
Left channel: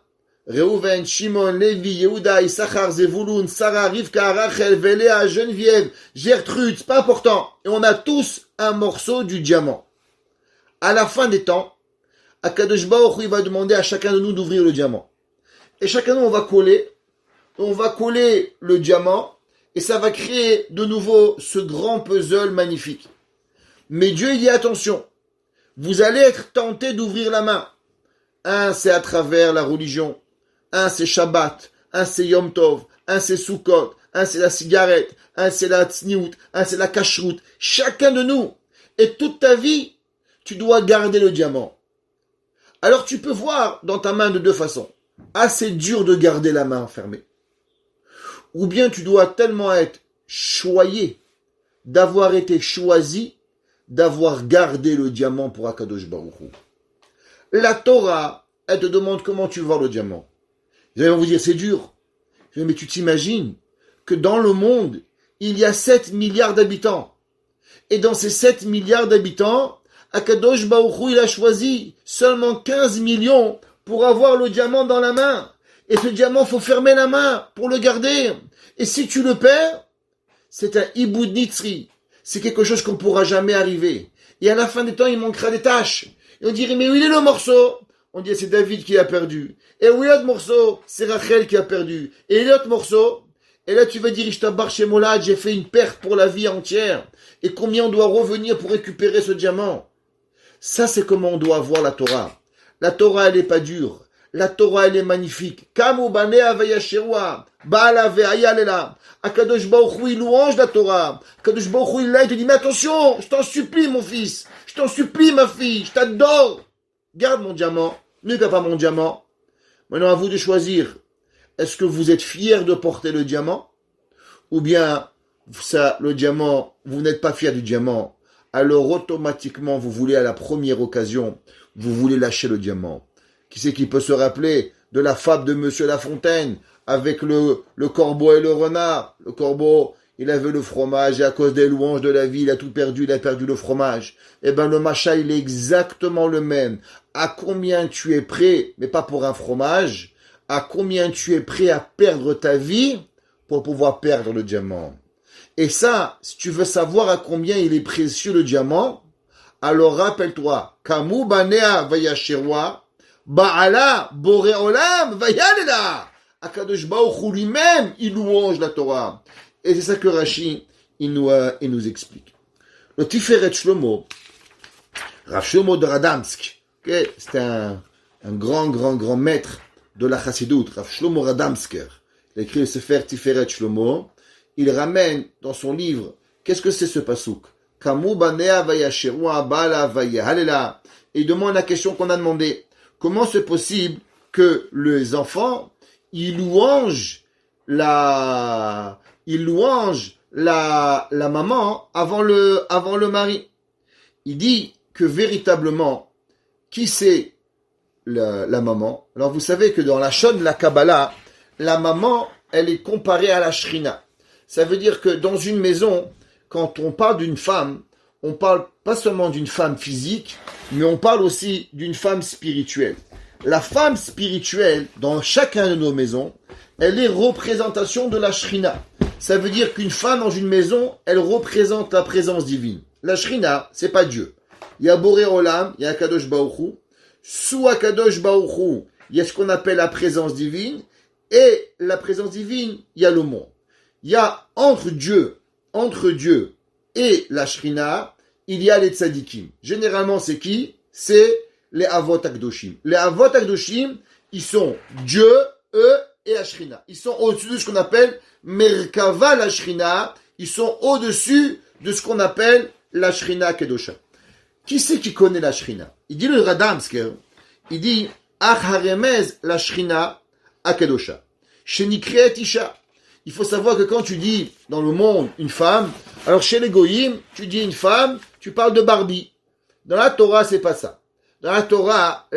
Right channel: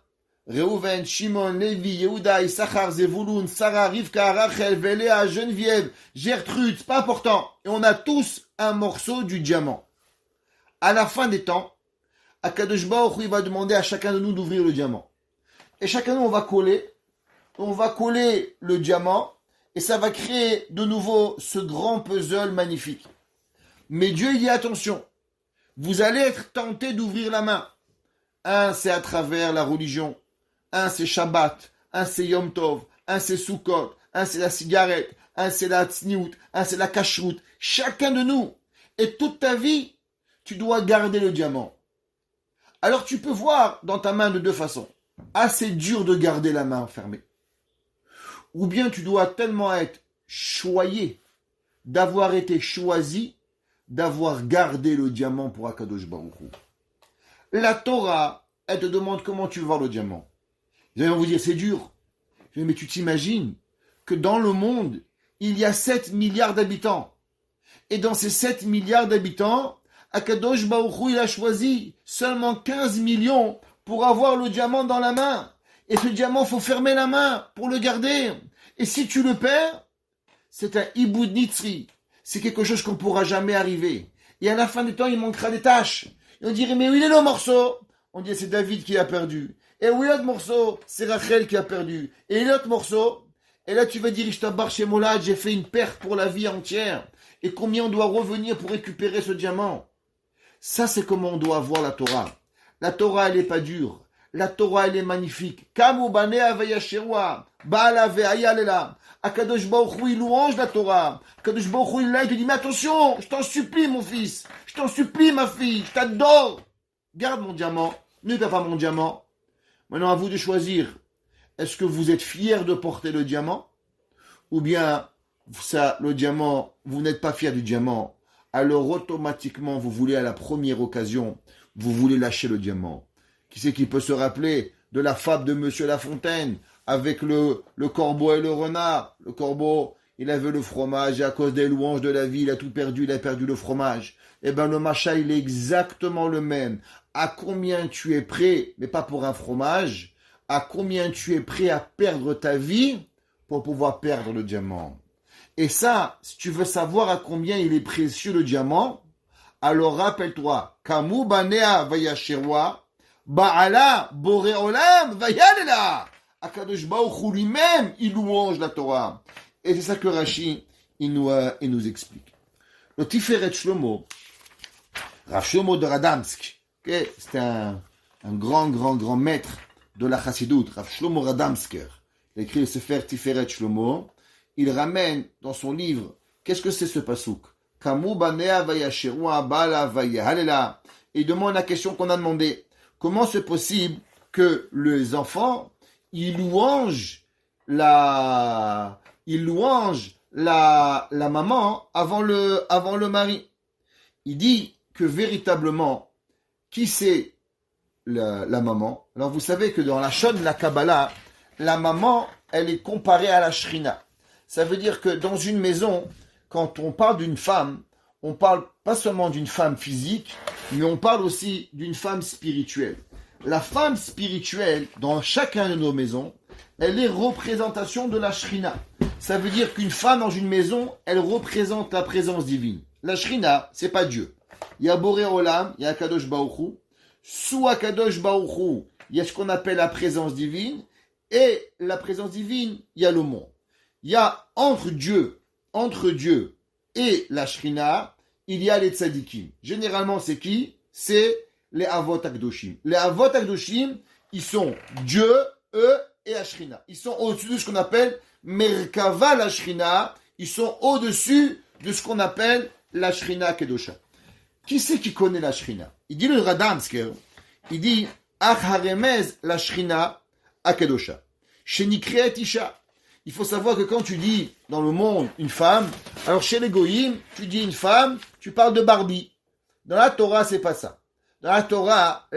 Reuven, Shimon, Lévi, Yehuda, Issachar, Zevulun, Sarah, Rivka, Rachel, Véléa, Geneviève, Gertrude, c'est pas important. Et on a tous un morceau du diamant. À la fin des temps, Akadosh Baruch Hu, il va demander à chacun de nous d'ouvrir le diamant. Et chacun de nous, on va coller le diamant, et ça va créer de nouveau ce grand puzzle magnifique. Mais Dieu, il dit attention, vous allez être tenté d'ouvrir la main. Un, c'est à travers la religion. Un, c'est Shabbat. Un, c'est Yom Tov. Un, c'est Sukkot. Un, c'est la cigarette. Un, c'est la tzniout. Un, c'est la kashrut. Chacun de nous. Et toute ta vie, tu dois garder le diamant. Alors tu peux voir dans ta main de deux façons. C'est dur de garder la main fermée. Ou bien tu dois tellement être choyé, d'avoir été choisi, d'avoir gardé le diamant pour Akadosh Baruch Hu. La Torah, elle te demande comment tu veux voir le diamant. Vous allez vous dire, c'est dur. Je dis, mais tu t'imagines que dans le monde, il y a 7 milliards d'habitants. Et dans ces 7 milliards d'habitants, Akadosh Baruch Hu, il a choisi seulement 15 millions pour avoir le diamant dans la main. Et ce diamant, faut fermer la main pour le garder. Et si tu le perds, c'est un iboud nitzri. C'est quelque chose qu'on ne pourra jamais arriver. Et à la fin des temps, il manquera des tâches. Et on dirait, mais où est le morceau? On dit, c'est David qui a perdu. Et où est l'autre morceau? C'est Rachel qui a perdu. Et l'autre morceau? Et là, tu vas dire, Ishtabar chez Molad, j'ai fait une perte pour la vie entière. Et combien on doit revenir pour récupérer ce diamant? Ça, c'est comment on doit voir la Torah. La Torah, elle n'est pas dure. La Torah, elle est magnifique. Kamu banea vayasherwa, ba'ala ve'ayalela. Akadosh Baruch Hu, il louange la Torah. Akadosh Baruch Hu, il te dit, mais attention, je t'en supplie, mon fils. Je t'en supplie, ma fille. Je t'adore. Garde mon diamant. Ne perds pas mon diamant. Maintenant, à vous de choisir. Est-ce que vous êtes fier de porter le diamant? Ou bien, ça, le diamant, vous n'êtes pas fier du diamant. Alors, automatiquement, vous voulez, à la première occasion, vous voulez lâcher le diamant. Qui c'est qui peut se rappeler de la fable de Monsieur La Fontaine avec le corbeau et le renard? Le corbeau, il avait le fromage et à cause des louanges de la vie, il a tout perdu, il a perdu le fromage. Eh bien, le macha, il est exactement le même. À combien tu es prêt, mais pas pour un fromage, à combien tu es prêt à perdre ta vie pour pouvoir perdre le diamant? Et ça, si tu veux savoir à combien il est précieux le diamant, alors rappelle-toi, Kamu banea vayasherwa, Ba'ala boré olam vayalela. Akadosh Baruch Hu lui-même, il louange la Torah. Et c'est ça que Rashi, il nous explique. Le Tiferet Shlomo, Rav Shlomo de Radamsk, okay, c'est un grand maître de la Chassidut, Rav Shlomo Radamsker. Il a écrit le Sefer Tiferet Shlomo. Il ramène dans son livre, qu'est-ce que c'est ce pasouk? Kamu banea vayasherwa ba'ala vayalela. Et il demande la question qu'on a demandé. Comment c'est possible que les enfants, ils louangent la maman avant le mari? Il dit que véritablement, qui c'est la maman? Alors vous savez que dans la Shon, la Kabbalah, la maman, elle est comparée à la Shrina. Ça veut dire que dans une maison, quand on parle d'une femme, on parle pas seulement d'une femme physique, mais on parle aussi d'une femme spirituelle. La femme spirituelle, dans chacun de nos maisons, elle est représentation de la Shrina. Ça veut dire qu'une femme dans une maison, elle représente la présence divine. La Shrina, c'est pas Dieu. Il y a Boré Olam, il y a Akadosh Baruch Hu. Sous Akadosh Baruch Hu, il y a ce qu'on appelle la présence divine. Et la présence divine, il y a le monde. Il y a entre Dieu et la Shrina, il y a les tzadikim. Généralement, c'est qui? C'est les Avot Akdoshim. Les Avot Akdoshim, ils sont Dieu, eux et la Shrina. Ils sont au-dessus de ce qu'on appelle Merkava la Shrina. Ils sont au-dessus de ce qu'on appelle la Shrina Kedosha. Qui c'est qui connaît la Shrina? Il dit le Radamsker, il dit Ach haremez la Shrina Akedosha. Shenikreet Isha. Il faut savoir que quand tu dis dans le monde une femme, alors chez les Goïm, tu dis une femme, tu parles de Barbie. Dans la Torah, c'est pas ça. Dans la Torah,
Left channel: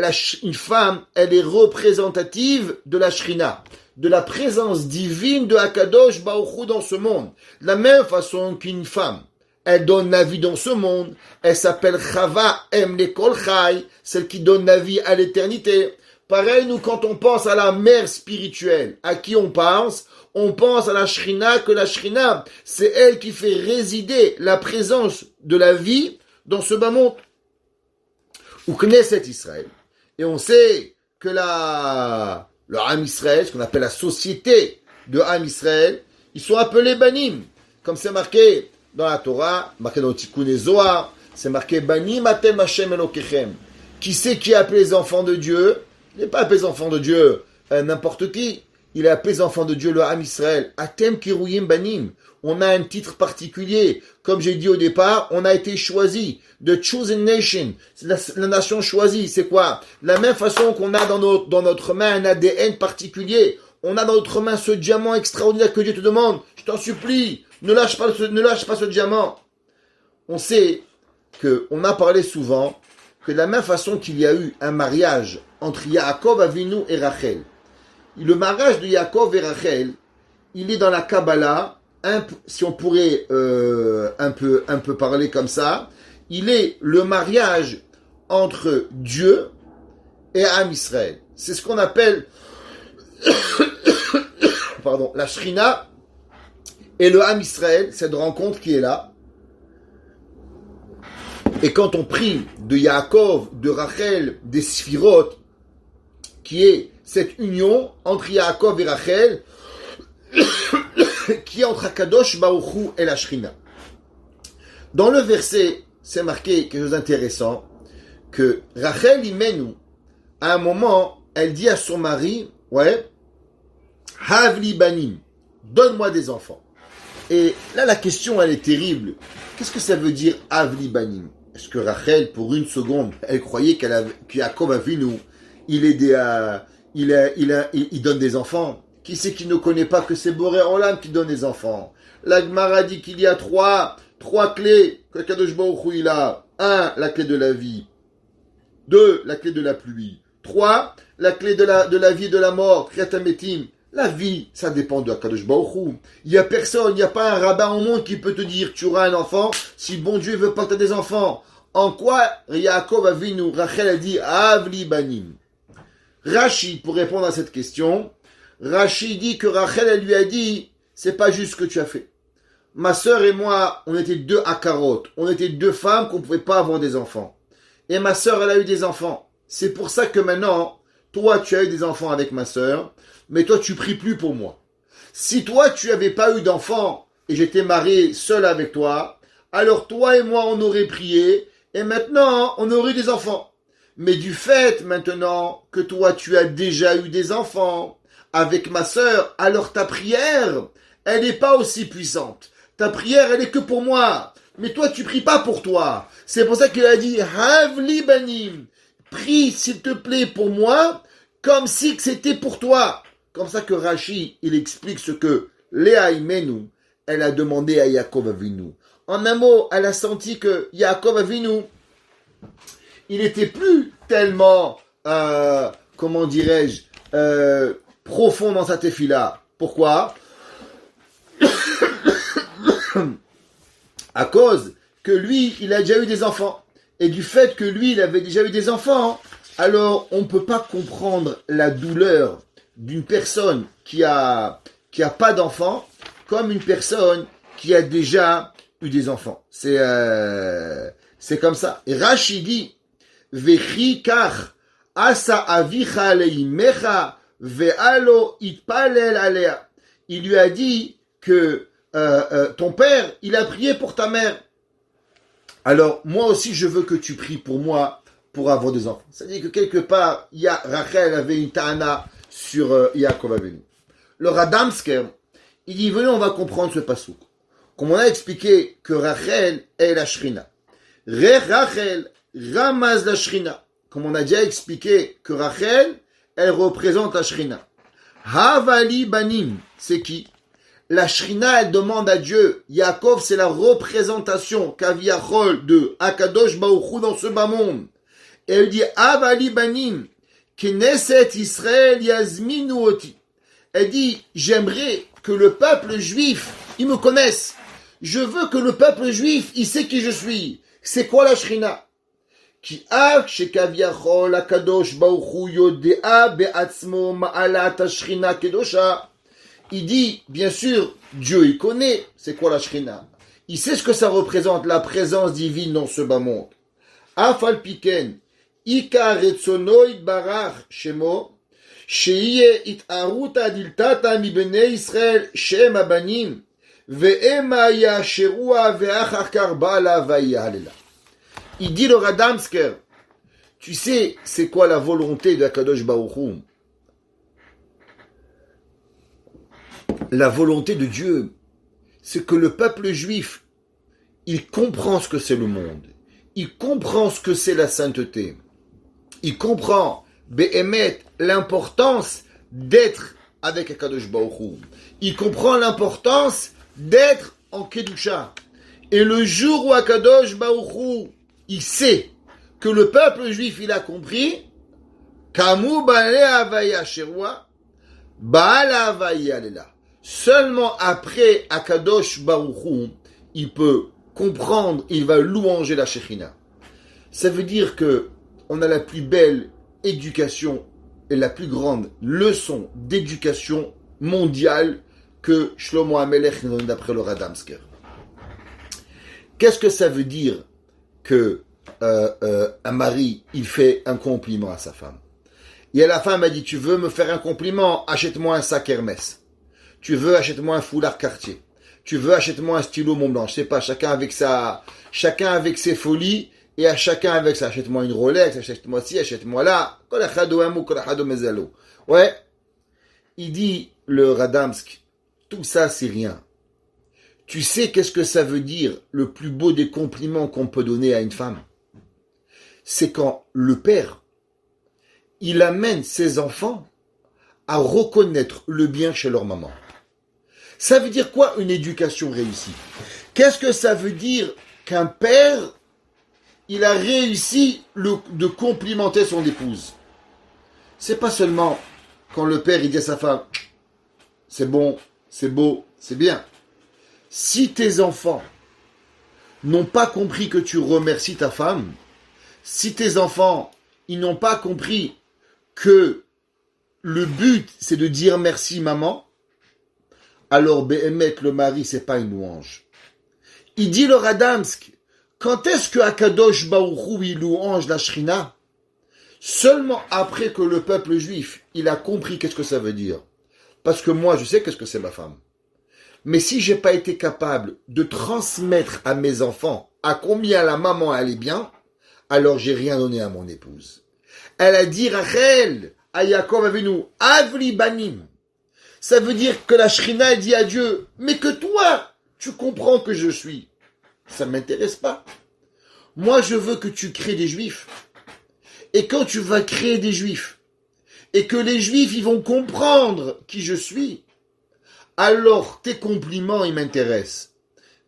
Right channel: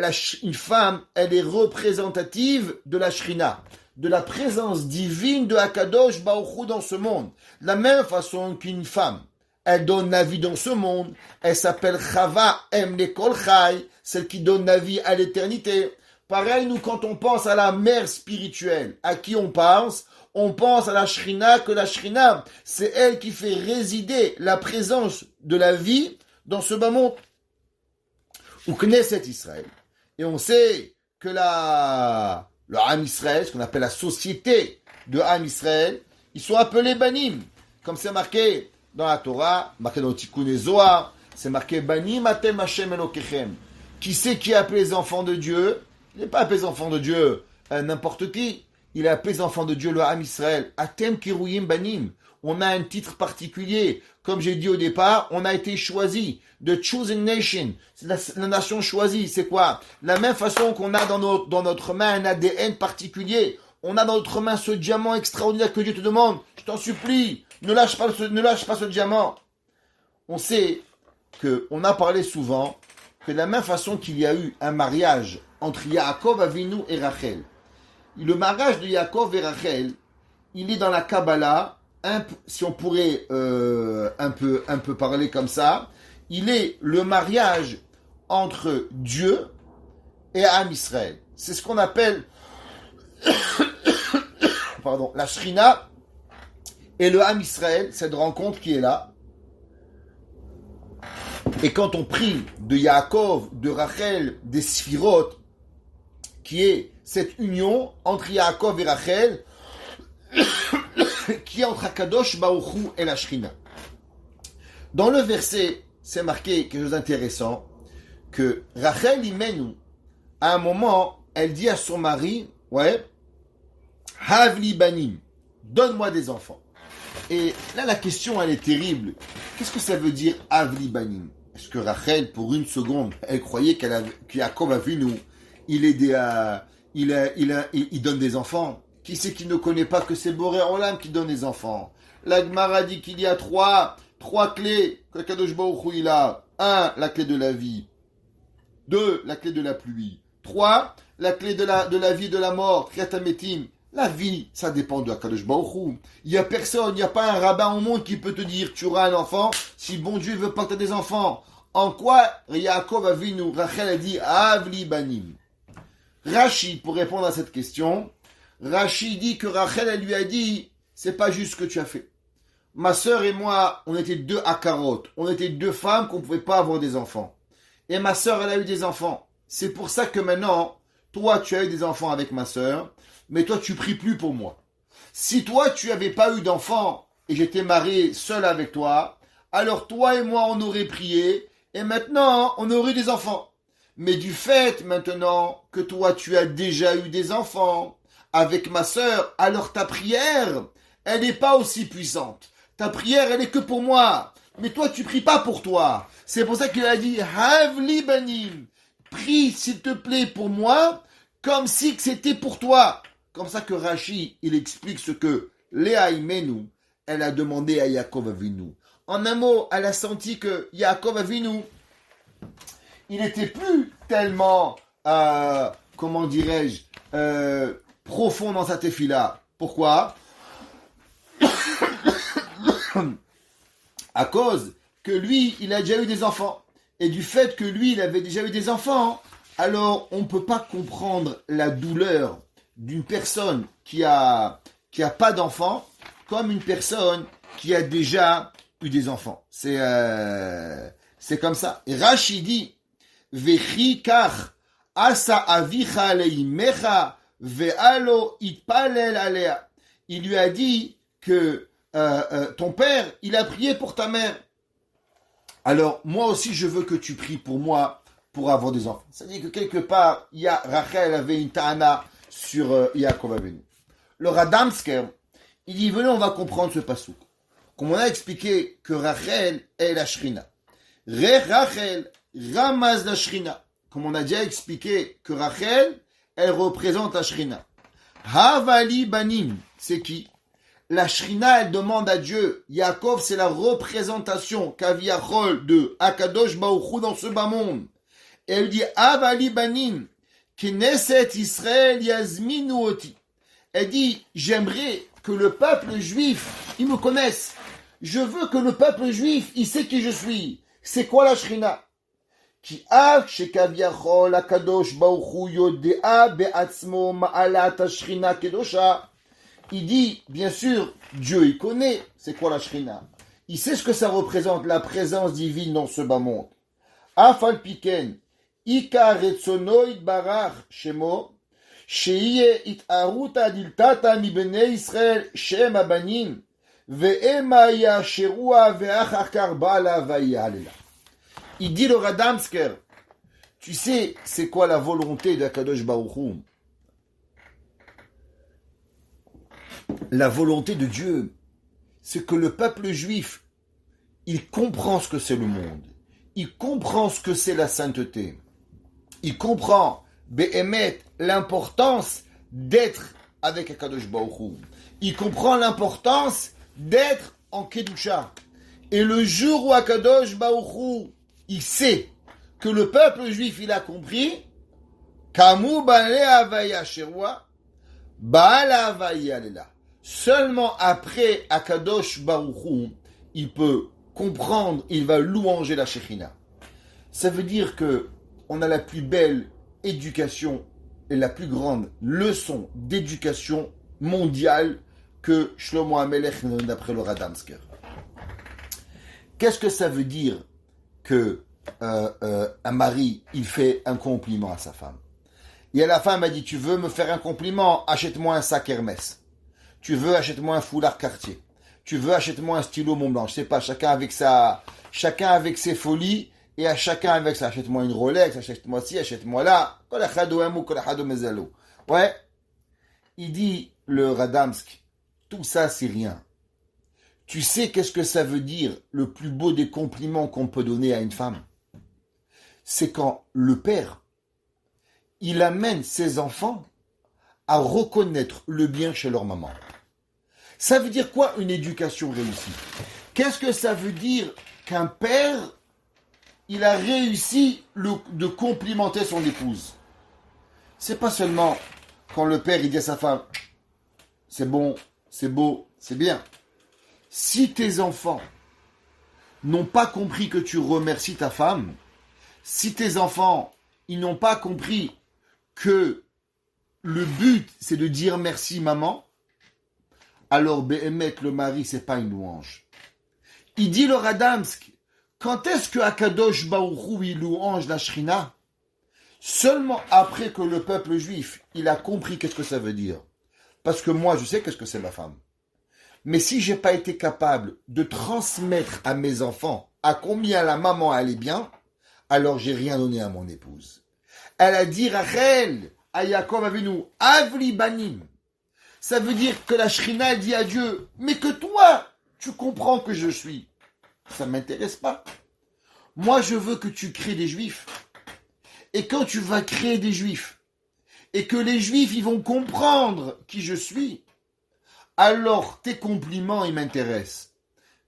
une femme, elle est représentative de la Shrina, de la présence divine de Akadosh Baruch Hu dans ce monde. De la même façon qu'une femme, elle donne la vie dans ce monde, elle s'appelle Chava Lekol Chai, celle qui donne la vie à l'éternité. Pareil, nous, quand on pense à la mère spirituelle, à qui on pense à la Shrina, que la Shrina, c'est elle qui fait résider la présence de la vie dans ce bas monde. Ou Knesset Israël. Et on sait que le Ham Israël, ce qu'on appelle la société de Ham Israël, ils sont appelés Banim. Comme c'est marqué dans la Torah, marqué dans Tikkun Zohar, c'est marqué Banim atem Hashem Elokechem. Qui c'est qui est appelé les enfants de Dieu? Il n'est pas appelé les enfants de Dieu n'importe qui. Il est appelé les enfants de Dieu, le Ham Israël. Atem Kiruyim Banim. On a un titre particulier. Comme j'ai dit au départ, on a été choisi. The Chosen Nation. C'est la nation choisie. C'est quoi? La même façon qu'on a dans notre main un ADN particulier. On a dans notre main ce diamant extraordinaire que Dieu te demande. Je t'en supplie, ne lâche pas ce diamant. On sait qu'on a parlé souvent que de la même façon qu'il y a eu un mariage entre Yaakov Avinu et Rachel. Le mariage de Yaakov et Rachel, il est dans la Kabbalah, si on pourrait un peu parler comme ça, il est le mariage entre Dieu et Am Israël. C'est ce qu'on appelle pardon, la Shrina et le Am Israël, cette rencontre qui est là. Et quand on prie de Yaakov, de Rachel, des Sphirot, qui est cette union entre Yaakov et Rachel, qui est entre Akadosh Baruch Hu et la Shrina. Dans le verset, c'est marqué quelque chose d'intéressant, que Rachel Imenu, à un moment, elle dit à son mari, ouais, Havli Banim, donne-moi des enfants. Et là, la question, elle est terrible. Qu'est-ce que ça veut dire Havli Banim? Est-ce que Rachel, pour une seconde, elle croyait que Yaakov a vu nous, il donne des enfants? Qui c'est qui ne connaît pas que c'est Boré Olam qui donne des enfants? La Gemara dit qu'il y a trois clés que Kadosh Baruch Hu il a. 1, la clé de la vie. 2, la clé de la pluie. 3, la clé de la vie et de la mort. Kriatametim. La vie, ça dépend de Kadosh Baruch Hu. Il n'y a personne, il n'y a pas un rabbin au monde qui peut te dire tu auras un enfant si le bon Dieu veut pas que tu aies des enfants. En quoi Yaakov a vu nous? Rachel a dit Avli Banim. Rashi, pour répondre à cette question, Rashi dit que Rachel, elle lui a dit, c'est pas juste ce que tu as fait. Ma sœur et moi, on était 2 akarot. On était 2 femmes qu'on pouvait pas avoir des enfants. Et ma sœur, elle a eu des enfants. C'est pour ça que maintenant, toi, tu as eu des enfants avec ma sœur, mais toi, tu pries plus pour moi. Si toi, tu avais pas eu d'enfants et j'étais marié seul avec toi, alors toi et moi, on aurait prié et maintenant, on aurait des enfants. Mais du fait, maintenant, que toi, tu as déjà eu des enfants avec ma sœur, alors ta prière, elle n'est pas aussi puissante. Ta prière, elle est que pour moi. Mais toi, tu pries pas pour toi. C'est pour ça qu'il a dit, Havli Banim. Prie, s'il te plaît, pour moi, comme si c'était pour toi. Comme ça que Rashi, il explique ce que Léa Imenu, elle a demandé à Yaakov Avinu. En un mot, elle a senti que Yaakov Avinu, il n'était plus tellement, comment dirais-je, profond dans sa tefila. Pourquoi? À cause que lui, il a déjà eu des enfants. Et du fait que lui, il avait déjà eu des enfants, alors on ne peut pas comprendre la douleur d'une personne qui a pas d'enfants comme une personne qui a déjà eu des enfants. C'est comme ça. Et Rashi dit, Vechi kach asa avicha leimecha ve'alo itpalel alea. Il lui a dit que ton père, il a prié pour ta mère. Alors, moi aussi, je veux que tu pries pour moi pour avoir des enfants. C'est-à-dire que quelque part, Rachel avait une ta'ana sur Yaakov Avinu. Le Radamsker, il dit, venez, on va comprendre ce pasouk. Comme on a expliqué que Rachel est la Shrina. Rachel ramaz la Shrina. Comme on a déjà expliqué que Rachel, elle représente la Shrina. Havali banim, c'est qui? La Shrina, elle demande à Dieu. Yaakov, c'est la représentation Kaviachol de Akadosh Baruch Hu dans ce bas monde. Et elle dit, Avali banim, Knesset Israël yazminu oti. Elle dit, j'aimerais que le peuple juif, il me connaisse. Je veux que le peuple juif, il sait qui je suis. C'est quoi la Shrina? Ki ak shekaviachol Akadosh Baruch Hu yodea be'atzmo ma'alat Shrina kedosha. Il dit, bien sûr, Dieu, il connaît, c'est quoi la Shrina. Il sait ce que ça représente, la présence divine dans ce bas monde. Afal piken, ika retsono itbarach shemo, sheiye itaruta adiltata mi bnei Israël shem abanim, ve'ema yasherua ve'achakar ba'ala vayalela. Il dit le Radamsker, tu sais, c'est quoi la volonté d'Akadosh Baruch Hu? La volonté de Dieu, c'est que le peuple juif, il comprend ce que c'est le monde. Il comprend ce que c'est la sainteté. Il comprend, Be'emet, l'importance d'être avec Akadosh Baruch Hu. Il comprend l'importance d'être en Kedusha. Et le jour où Akadosh Baruch Hu, il sait que le peuple juif, il a compris, Kamu Ba'ale Havaya Sherwa, Ba'ala Havaya Lela. Seulement après Akadosh Baruch Hu, il peut comprendre, il va louanger la Shekhinah. Ça veut dire que on a la plus belle éducation et la plus grande leçon d'éducation mondiale que Shlomo HaMelech nous donne d'après le Radamsker. Qu'est-ce que ça veut dire que un mari, il fait un compliment à sa femme? Et la femme a dit, tu veux me faire un compliment, achète-moi un sac Hermès. Tu veux, achète-moi un foulard Cartier. Tu veux, achète-moi un stylo Montblanc. Je sais pas, chacun avec ses folies, et à chacun avec ça. Achète-moi une Rolex, achète-moi ci, achète-moi là. Ouais. Il dit, le Radamsk, tout ça c'est rien. Tu sais qu'est-ce que ça veut dire, le plus beau des compliments qu'on peut donner à une femme? C'est quand le père, il amène ses enfants à reconnaître le bien chez leur maman. Ça veut dire quoi une éducation réussie? Qu'est-ce que ça veut dire qu'un père, il a réussi de complimenter son épouse? C'est pas seulement quand le père il dit à sa femme, c'est bon, c'est beau, c'est bien. Si tes enfants n'ont pas compris que tu remercies ta femme, si tes enfants ils n'ont pas compris que le but c'est de dire merci maman, alors Béhémet, le mari, c'est pas une louange. Il dit le Radamsk, quand est-ce que Akadosh Baruch Hu il louange la Shrina? Seulement après que le peuple juif, il a compris qu'est-ce que ça veut dire. Parce que moi, je sais qu'est-ce que c'est ma femme. Mais si j'ai pas été capable de transmettre à mes enfants à combien la maman allait bien, alors j'ai rien donné à mon épouse. Elle a dit Rachel, à Yaakov Avinu, Avli Banim. Ça veut dire que la Shrina dit à Dieu, mais que toi, tu comprends que je suis. Ça ne m'intéresse pas. Moi, je veux que tu crées des juifs. Et quand tu vas créer des juifs, et que les juifs, ils vont comprendre qui je suis, alors tes compliments, ils m'intéressent.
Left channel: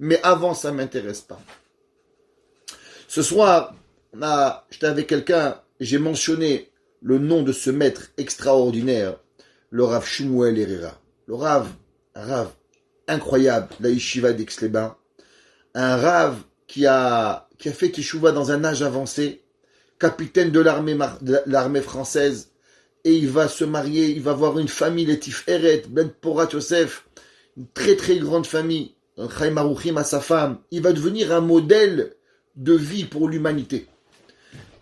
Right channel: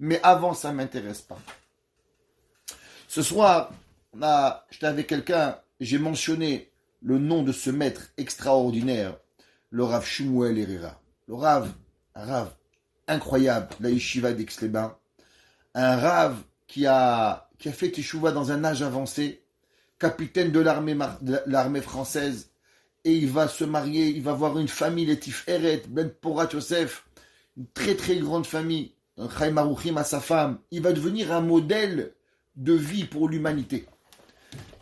Mais avant, ça ne m'intéresse pas. Ce soir, j'étais avec quelqu'un, j'ai mentionné le nom de ce maître extraordinaire, le Rav Shmuel Herrera. Le Rav, un Rav incroyable, la Yeshiva d'Aix-les-Bains. Un Rav qui a fait Teshuva dans un âge avancé, capitaine de l'armée française, et il va se marier, il va avoir une famille, les Tiferet, Ben Porat Yosef, une très très grande famille, un Chaim Aruchim à sa femme. Il va devenir un modèle de vie pour l'humanité.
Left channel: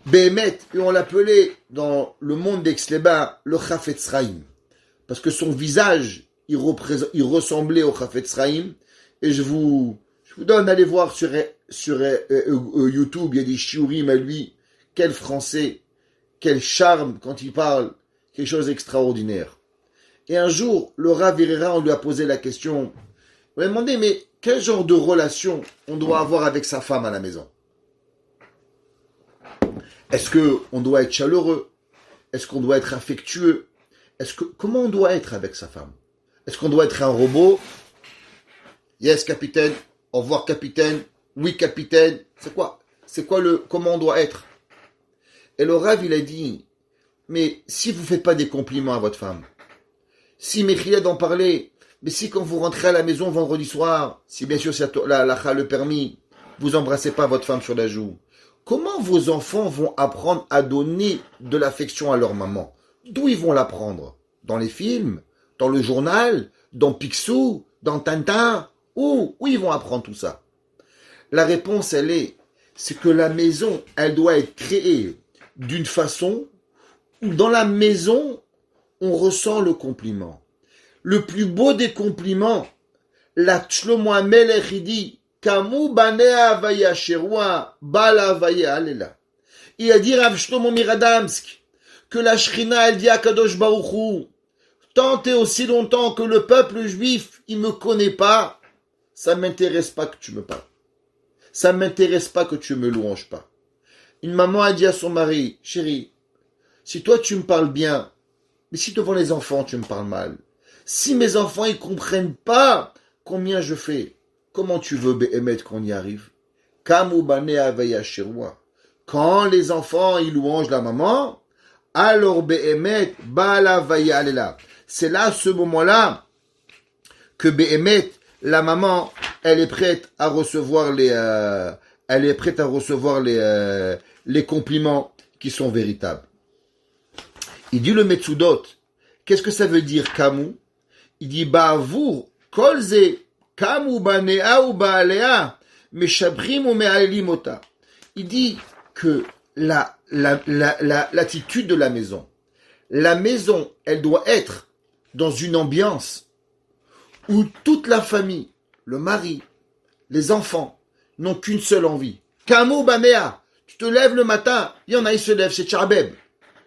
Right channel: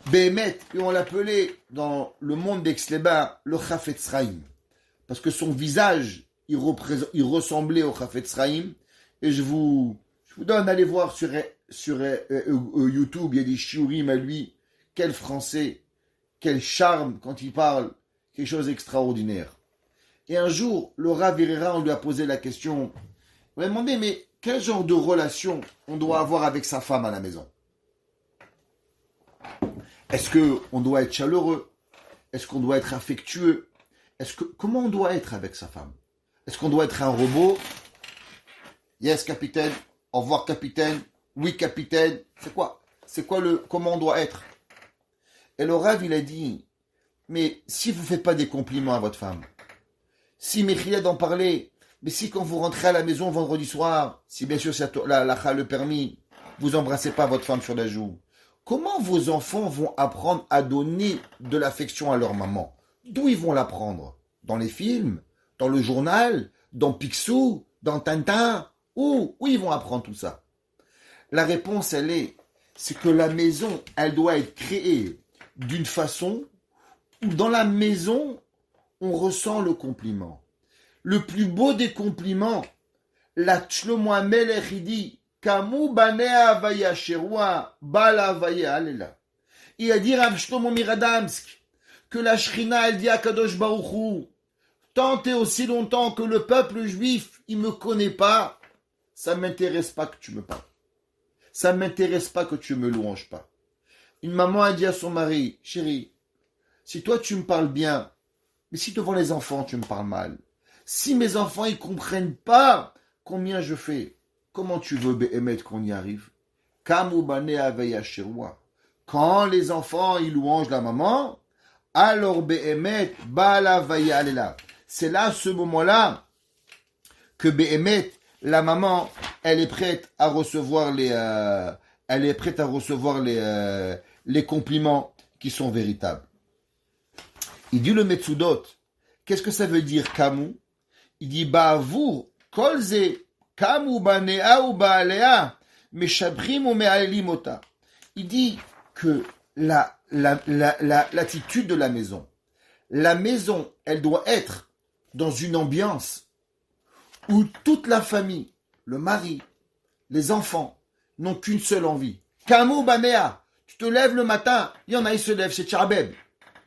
Béhémet, et on l'appelait dans le monde d'Aix-les-Bains le Chafetz Chaim. Parce que son visage, il ressemblait au Chafetz Chaim. Et je vous donne d'aller voir sur YouTube, il y a des shiurim à lui. Quel français, quel charme quand il parle, quelque chose d'extraordinaire. Et un jour, le Rav Herrera, on lui a posé la question, on lui a demandé, mais quel genre de relation on doit avoir avec sa femme à la maison? Est-ce qu'on doit être chaleureux? Est-ce qu'on doit être affectueux? Comment on doit être avec sa femme? Est-ce qu'on doit être un robot? Yes, capitaine. Au revoir, capitaine. Oui, capitaine. Comment on doit être? Et le Rav, il a dit, mais si vous ne faites pas des compliments à votre femme, si Mechila d'en parler, mais si quand vous rentrez à la maison vendredi soir, si bien sûr la le permis, vous embrassez pas votre femme sur la joue, comment vos enfants vont apprendre à donner de l'affection à leur maman? D'où ils vont l'apprendre? Dans les films? Dans le journal? Dans Picsou? Dans Tintin? Où ils vont apprendre tout ça? La réponse, c'est que la maison, elle doit être créée d'une façon où dans la maison, on ressent le compliment. Le plus beau des compliments, la Shlomo HaMelech, il dit, Kamu banea avaya sherwa, bala avaya alela. Il a dit Rav Shlomo Miradamsk, que la Shrina, elle dit à Kadosh Baruch Hu, tant et aussi longtemps que le peuple juif, il me connaît pas, ça m'intéresse pas que tu me parles. Ça m'intéresse pas que tu me louanges pas. Une maman a dit à son mari, chérie, si toi tu me parles bien, mais si devant les enfants tu me parles mal, si mes enfants ils comprennent pas combien je fais, comment tu veux Béhémet qu'on y arrive? Kamu banea avaya sherwa. Quand les enfants ils louangent la maman, alors Béhémet bala vaya alela. C'est là, ce moment-là, que Behemet, la maman, elle est prête à recevoir les compliments qui sont véritables. Il dit le Metsudot, qu'est-ce que ça veut dire Kamu? Il dit Ba'avur kolze Kamu banea ou ba'alea meshabrim ou me'alelim ota. Il dit que l'attitude de la maison, elle doit être dans une ambiance où toute la famille, le mari, les enfants, n'ont qu'une seule envie. Kamu banea, tu te lèves le matin, il y en a, ils se lèvent, c'est Tcharbeb.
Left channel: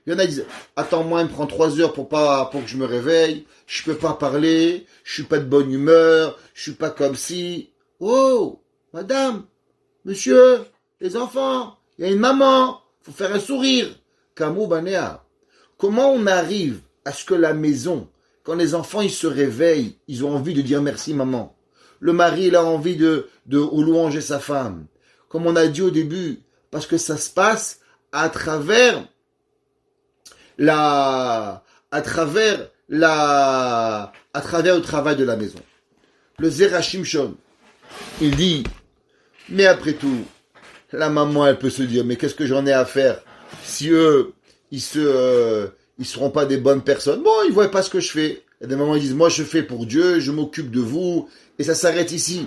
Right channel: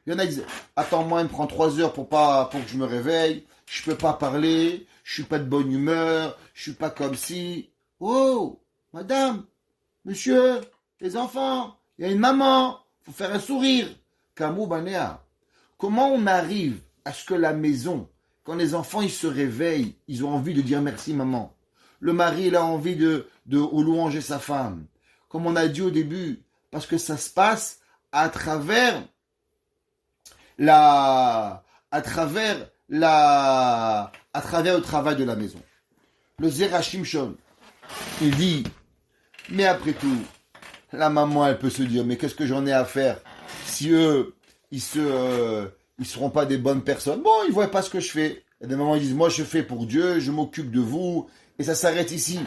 Il y en a qui disent, attends-moi, il me prend 3 heures pour que je me réveille, je peux pas parler, je suis pas de bonne humeur, je suis pas comme si. Oh, madame, monsieur, les enfants, il y a une maman, faut faire un sourire. Kamou Banea. Comment on arrive à ce que la maison, quand les enfants ils se réveillent, ils ont envie de dire merci maman. Le mari il a envie de louanger sa femme. Comme on a dit au début, parce que ça se passe à travers le travail de la maison. Le Zera Shimshon, il dit, mais après tout, la maman, elle peut se dire, mais qu'est-ce que j'en ai à faire si eux, ils seront pas des bonnes personnes. Bon, ils voient pas ce que je fais. Et des mamans, ils disent, moi, je fais pour Dieu, je m'occupe de vous, et ça s'arrête ici.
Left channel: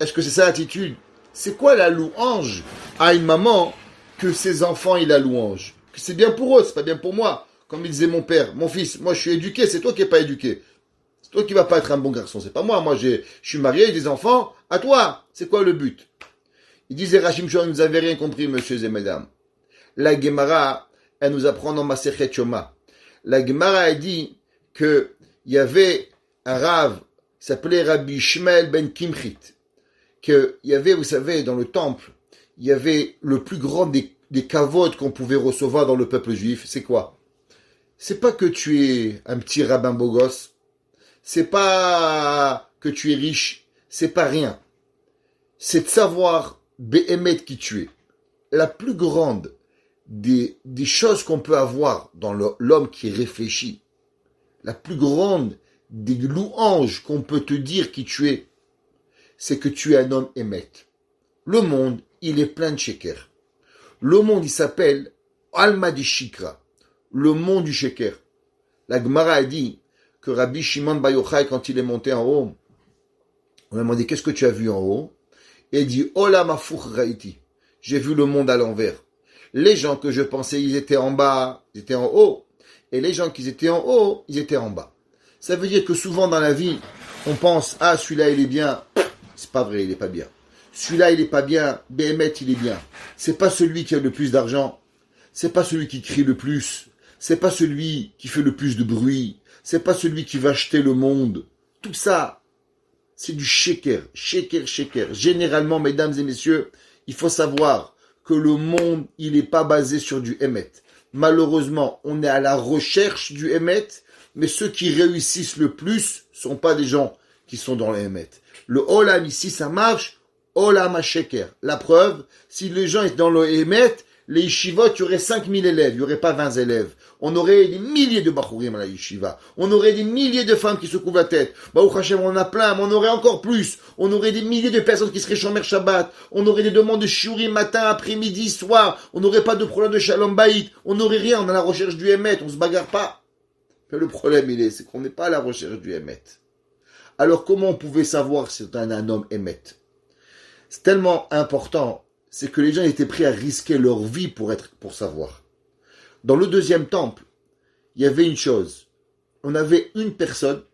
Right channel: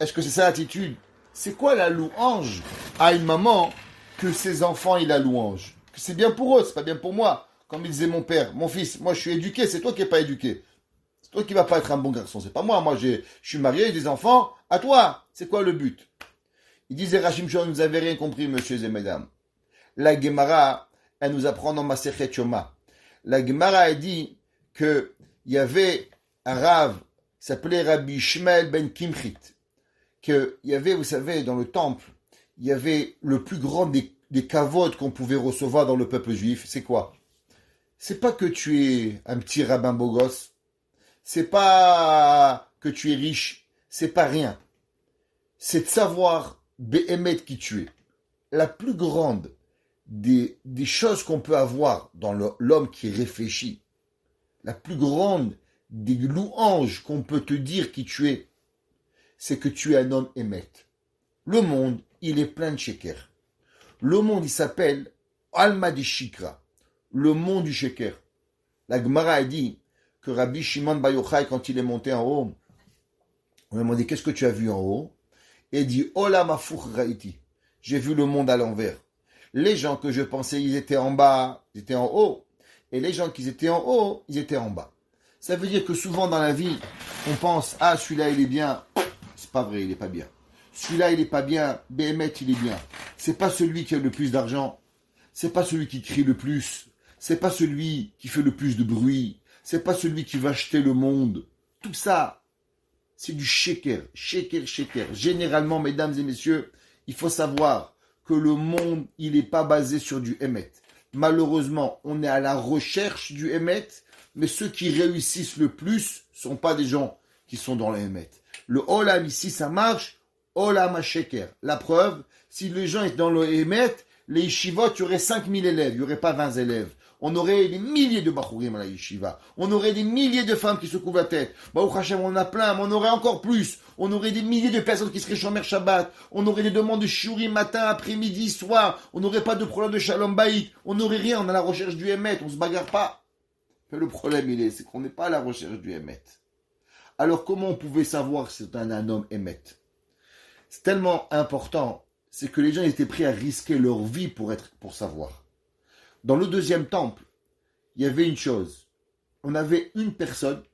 Est-ce que c'est ça l'attitude? C'est quoi la louange à une maman que ses enfants, ils la louangent? C'est bien pour eux, c'est pas bien pour moi. Comme il disait mon père, mon fils, moi je suis éduqué, c'est toi qui n'es pas éduqué. C'est toi qui vas pas être un bon garçon, c'est pas moi. Moi je suis marié, j'ai des enfants, à toi. C'est quoi le but? Il disait Rachim Shon, vous n'avez rien compris, messieurs et mesdames. La Gemara, elle nous apprend dans Masechet Yoma. La Gemara, elle dit qu'il y avait un Rav qui s'appelait Rabbi Shmuel ben Kimchit. Qu'il y avait, vous savez, dans le temple, il y avait le plus grand des kavod qu'on pouvait recevoir dans le peuple juif. C'est quoi? C'est pas que tu es un petit rabbin beau gosse. C'est pas que tu es riche. C'est pas rien. C'est de savoir Behemet qui tu es. La plus grande des choses qu'on peut avoir dans l'homme qui réfléchit, la plus grande des louanges qu'on peut te dire qui tu es, c'est que tu es un homme émet. Le monde, il est plein de sheker. Le monde, il s'appelle Alma di Shikra, le monde du sheker. La Gemara a dit que Rabbi Shimon Bar Yochai, quand il est monté en haut, on lui a demandé qu'est-ce que tu as vu en haut, et il dit Olam Hafuch Raiti, j'ai vu le monde à l'envers. Les gens que je pensais ils étaient en bas, ils étaient en haut, et les gens qui étaient en haut, ils étaient en bas. Ça veut dire que souvent dans la vie, on pense ah celui-là il est bien, c'est pas vrai, il est pas bien. Celui-là il est pas bien, Behemet il est bien. C'est pas celui qui a le plus d'argent, c'est pas celui qui crie le plus, c'est pas celui qui fait le plus de bruit, c'est pas celui qui va acheter le monde. Tout ça, c'est du sheker, sheker, sheker. Généralement, mesdames et messieurs, il faut savoir que le monde, il n'est pas basé sur du Emet. Malheureusement, on est à la recherche du Emet, mais ceux qui réussissent le plus ne sont pas des gens qui sont dans le Emet. Le Olam ici, ça marche, Olam à sheker. La preuve, si les gens étaient dans le Emet, les yeshivot, il y aurait 5000 élèves, il n'y aurait pas 20 élèves. On aurait des milliers de bachourim à la yeshiva. On aurait des milliers de femmes qui se couvrent la tête. Baruch Hashem, on en a plein, mais on aurait encore plus. On aurait des milliers de personnes qui seraient shomer Shabbat. On aurait des demandes de shiurim matin, après-midi, soir. On n'aurait pas de problème de shalom baït. On n'aurait rien. On est à la recherche du Emet. On se bagarre pas. Mais le problème, c'est qu'on n'est pas à la recherche du Emet. Alors, comment on pouvait savoir si c'est un homme Emet? C'est tellement important. C'est que les gens étaient prêts à risquer leur vie pour savoir. Dans le deuxième temple, il y avait une chose. On avait une personne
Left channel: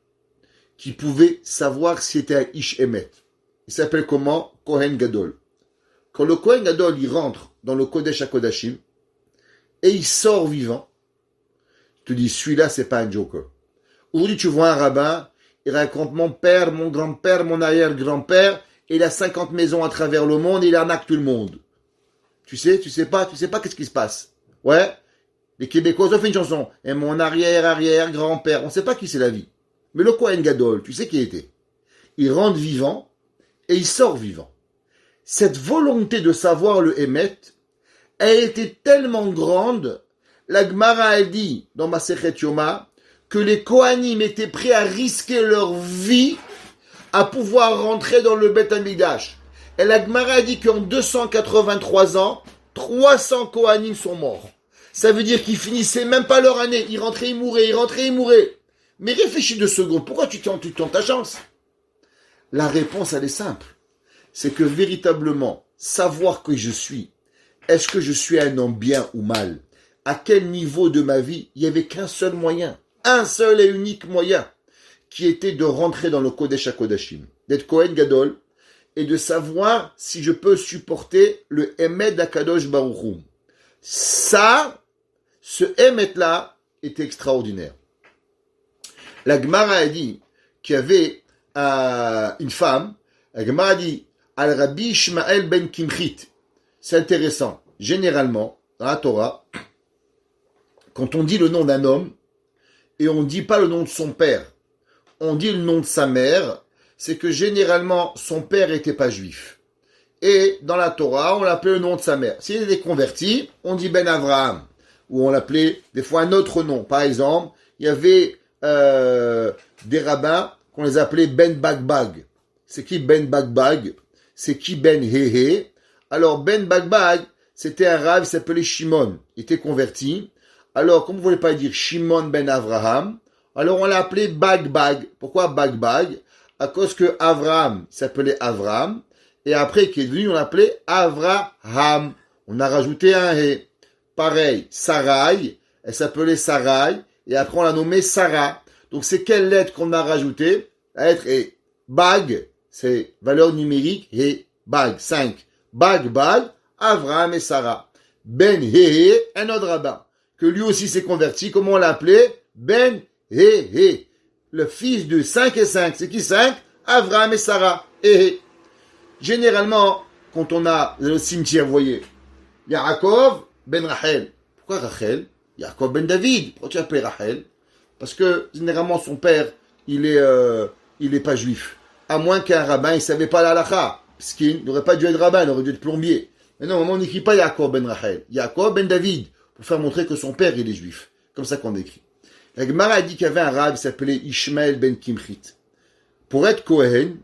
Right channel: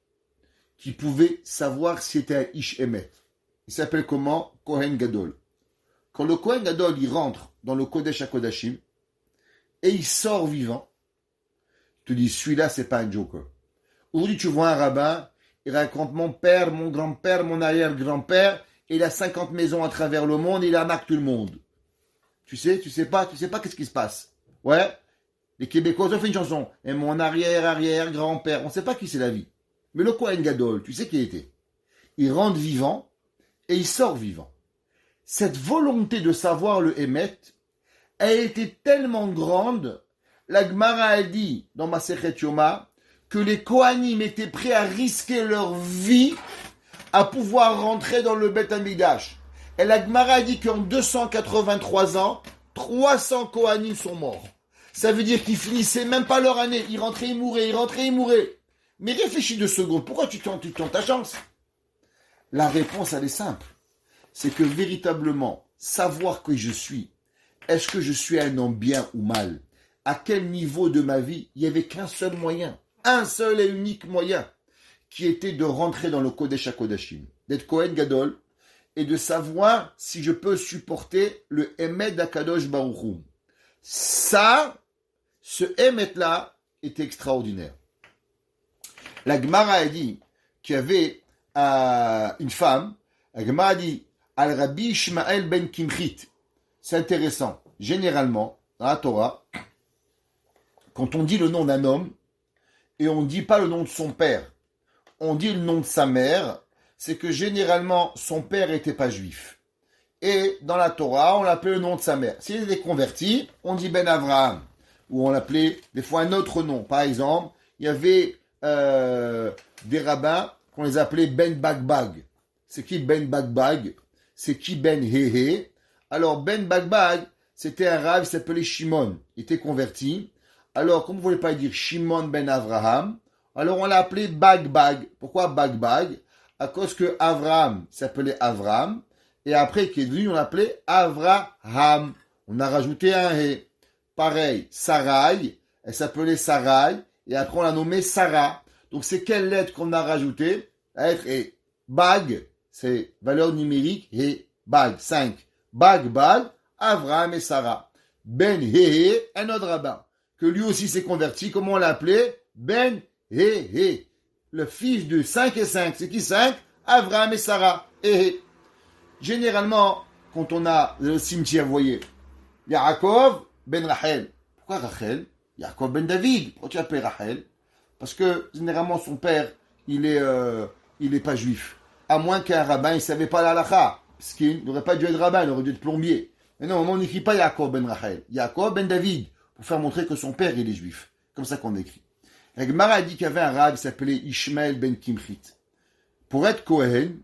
qui pouvait savoir si c'était un Ish Emet. Il s'appelle comment? Kohen Gadol. Quand le Kohen Gadol, il rentre dans le Kodesh HaKodashim et il sort vivant, tu te dis, celui-là, c'est pas un joker. Aujourd'hui, tu vois un rabbin, il raconte mon père, mon grand-père, mon arrière-grand-père, et il a 50 maisons à travers le monde et il arnaque tout le monde. Tu sais pas qu'est-ce qui se passe. Ouais. Les Québécois ont fait une chanson. Et mon arrière-arrière-grand-père. On ne sait pas qui c'est la vie. Mais le Kohen Gadol, tu sais qui il était. Il rentre vivant et il sort vivant. Cette volonté de savoir le Emet a été tellement grande, la Gemara a dit dans Masechet Yoma que les Kohanim étaient prêts à risquer leur vie à pouvoir rentrer dans le Beth Amikdash. Et la Gemara dit qu'en 283 ans, 300 Kohanim sont morts. Ça veut dire qu'ils finissaient même pas leur année. Ils rentraient, ils mouraient, ils rentraient, ils mouraient. Mais réfléchis 2 secondes. Pourquoi tu tentes ta chance? La réponse, elle est simple. C'est que véritablement, savoir que je suis, est-ce que je suis un homme bien ou mal? À quel niveau de ma vie? Il n'y avait qu'un seul moyen. Un seul et unique moyen. Qui était de rentrer dans le Kodesh HaKodashim. D'être Kohen Gadol. Et de savoir si je peux supporter le Emet d'Akadosh Baruch Hu. Ça, ce Emet-là, est extraordinaire. La Gemara a dit qu'il y avait une femme, la Gemara a dit Al Rabbi Ishmael ben Kimchit. C'est intéressant. Généralement, dans la Torah, quand on dit le nom d'un homme, et on ne dit pas le nom de son père, on dit le nom de sa mère, c'est que généralement, son père n'était pas juif. Et dans la Torah, on l'appelait le nom de sa mère. S'il était converti, on dit Ben Avraham, ou on l'appelait des fois un autre nom. Par exemple, il y avait des rabbins qu'on les appelait Ben Bagbag. C'est qui Ben Bagbag? C'est qui Ben Hehe? Alors Ben Bagbag, c'était un rabbin qui s'appelait Shimon. Il était converti. Alors, comme vous ne voulez pas dire Shimon Ben Avraham, alors on l'a appelé Bagbag. Pourquoi Bagbag? À cause que Avraham s'appelait Avraham. Et après, qui est devenu, on l'appelait Avraham. On a rajouté un He. Pareil, Sarai, elle s'appelait Sarai. Et après, on l'a nommée Sarah. Donc, c'est quelle lettre qu'on a rajoutée? La lettre est Bag, c'est valeur numérique, et Bag, 5. Bag, Avraham et Sarah. Ben Hehe, un autre rabbin, que lui aussi s'est converti. Comment on l'a appelé? Ben Hehe. Le fils de 5 et 5. C'est qui 5? Avraham et Sarah. Hehe. Généralement, quand on a le cimetière, vous voyez, Yaakov ben Rachel. Pourquoi Rachel? Yaakov ben David. Pourquoi tu appelles Rachel? Parce que généralement son père, il est pas juif. À moins qu'un rabbin, il savait pas la halakha. Parce qu'il n'aurait pas dû être rabbin, il aurait dû être plombier. Mais non, on n'écrit pas Yaakov ben Rachel. Yaakov ben David. Pour faire montrer que son père, il est juif. Comme ça qu'on écrit. La Gemara a dit qu'il y avait un rabbin qui s'appelait Ishmael ben Kimchit. Pour être Kohen,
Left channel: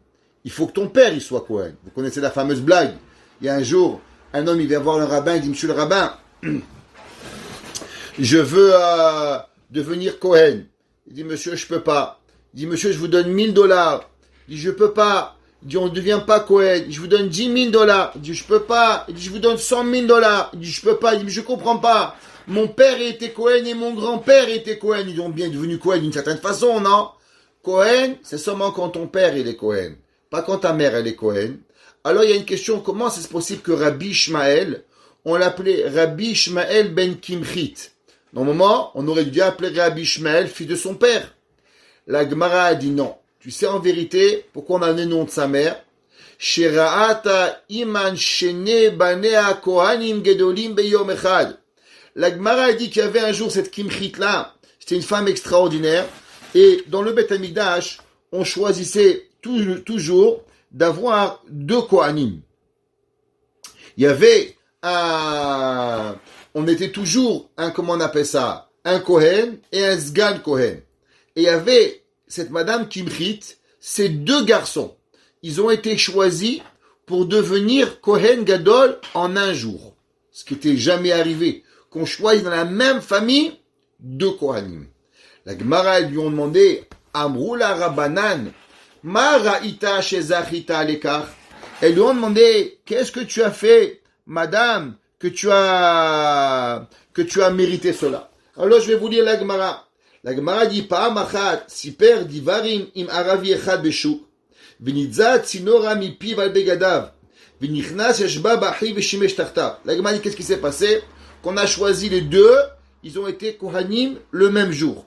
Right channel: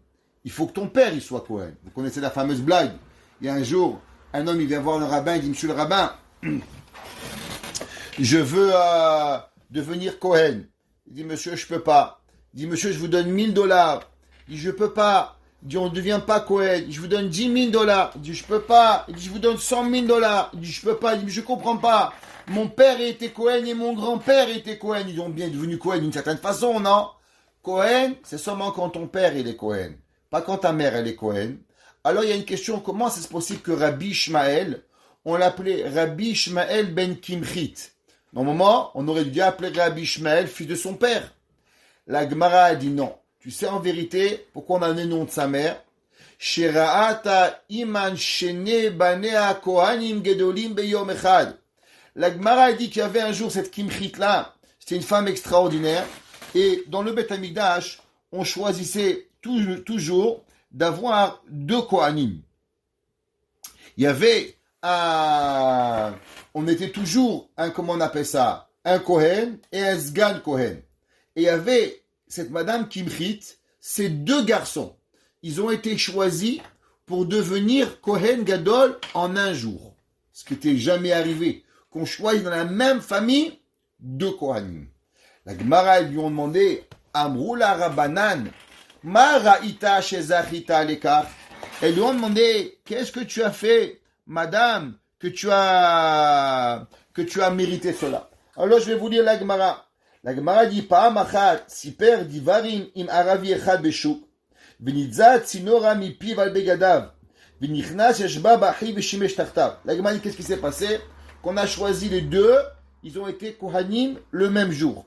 il faut que ton père il soit Kohen. Vous connaissez la fameuse blague. Il y a un jour, un homme il vient voir le rabbin, il dit Monsieur le rabbin, je veux devenir Kohen. Il dit Monsieur, je peux pas. Il dit Monsieur, je vous donne $1000. Il dit je peux pas. Il dit on ne devient pas Kohen. Je vous donne $10,000. Il dit je peux pas. Il dit je vous donne $100,000. Il dit je peux pas. Il dit je comprends pas. Mon père était Kohen et mon grand-père était Kohen. Ils ont bien devenu Kohen d'une certaine façon, non? Kohen, c'est seulement quand ton père il est Kohen. Pas quand ta mère elle est Kohen. Alors il y a une question, comment c'est possible que Rabbi Ishmael, on l'appelait Rabbi Ishmael ben Kimchit? Normalement, on aurait dû appeler Rabbi Ishmael, fils de son père. La Gemara a dit non. Tu sais en vérité pourquoi on a donné le nom de sa mère? Sheraata iman shene banea kohanim gedolim beyom echad. La Gemara a dit qu'il y avait un jour cette Kimchit là. C'était une femme extraordinaire. Et dans le Beth Amikdash, on choisissait toujours d'avoir 2 Kohanim. Il y avait on était toujours comment on appelle ça, un Kohen et un Sgan Kohen. Et il y avait cette Madame Kimchit, ces 2 garçons. Ils ont été choisis pour devenir Kohen Gadol en un jour. Ce qui n'était jamais arrivé. Qu'on choisit dans la même famille 2 Kohanim. La Gemara, ils lui ont demandé, Amroula Rabbanan, Ma ra'ita shezachita lekach. Elles lui ont demandé, qu'est-ce que tu as fait, madame, que tu as mérité cela. Alors je vais vous lire la Gemara. La Gemara dit, Pa'am achat, siper divarim im aravi echad beshuk, v'nitzat sinora mipiv al begadav, v'nichnas yeshba b'achi v'shimesh tartav. La Gemara dit, qu'est-ce qui s'est passé? Qu'on a choisi les 2, ils ont été Kohanim le même jour.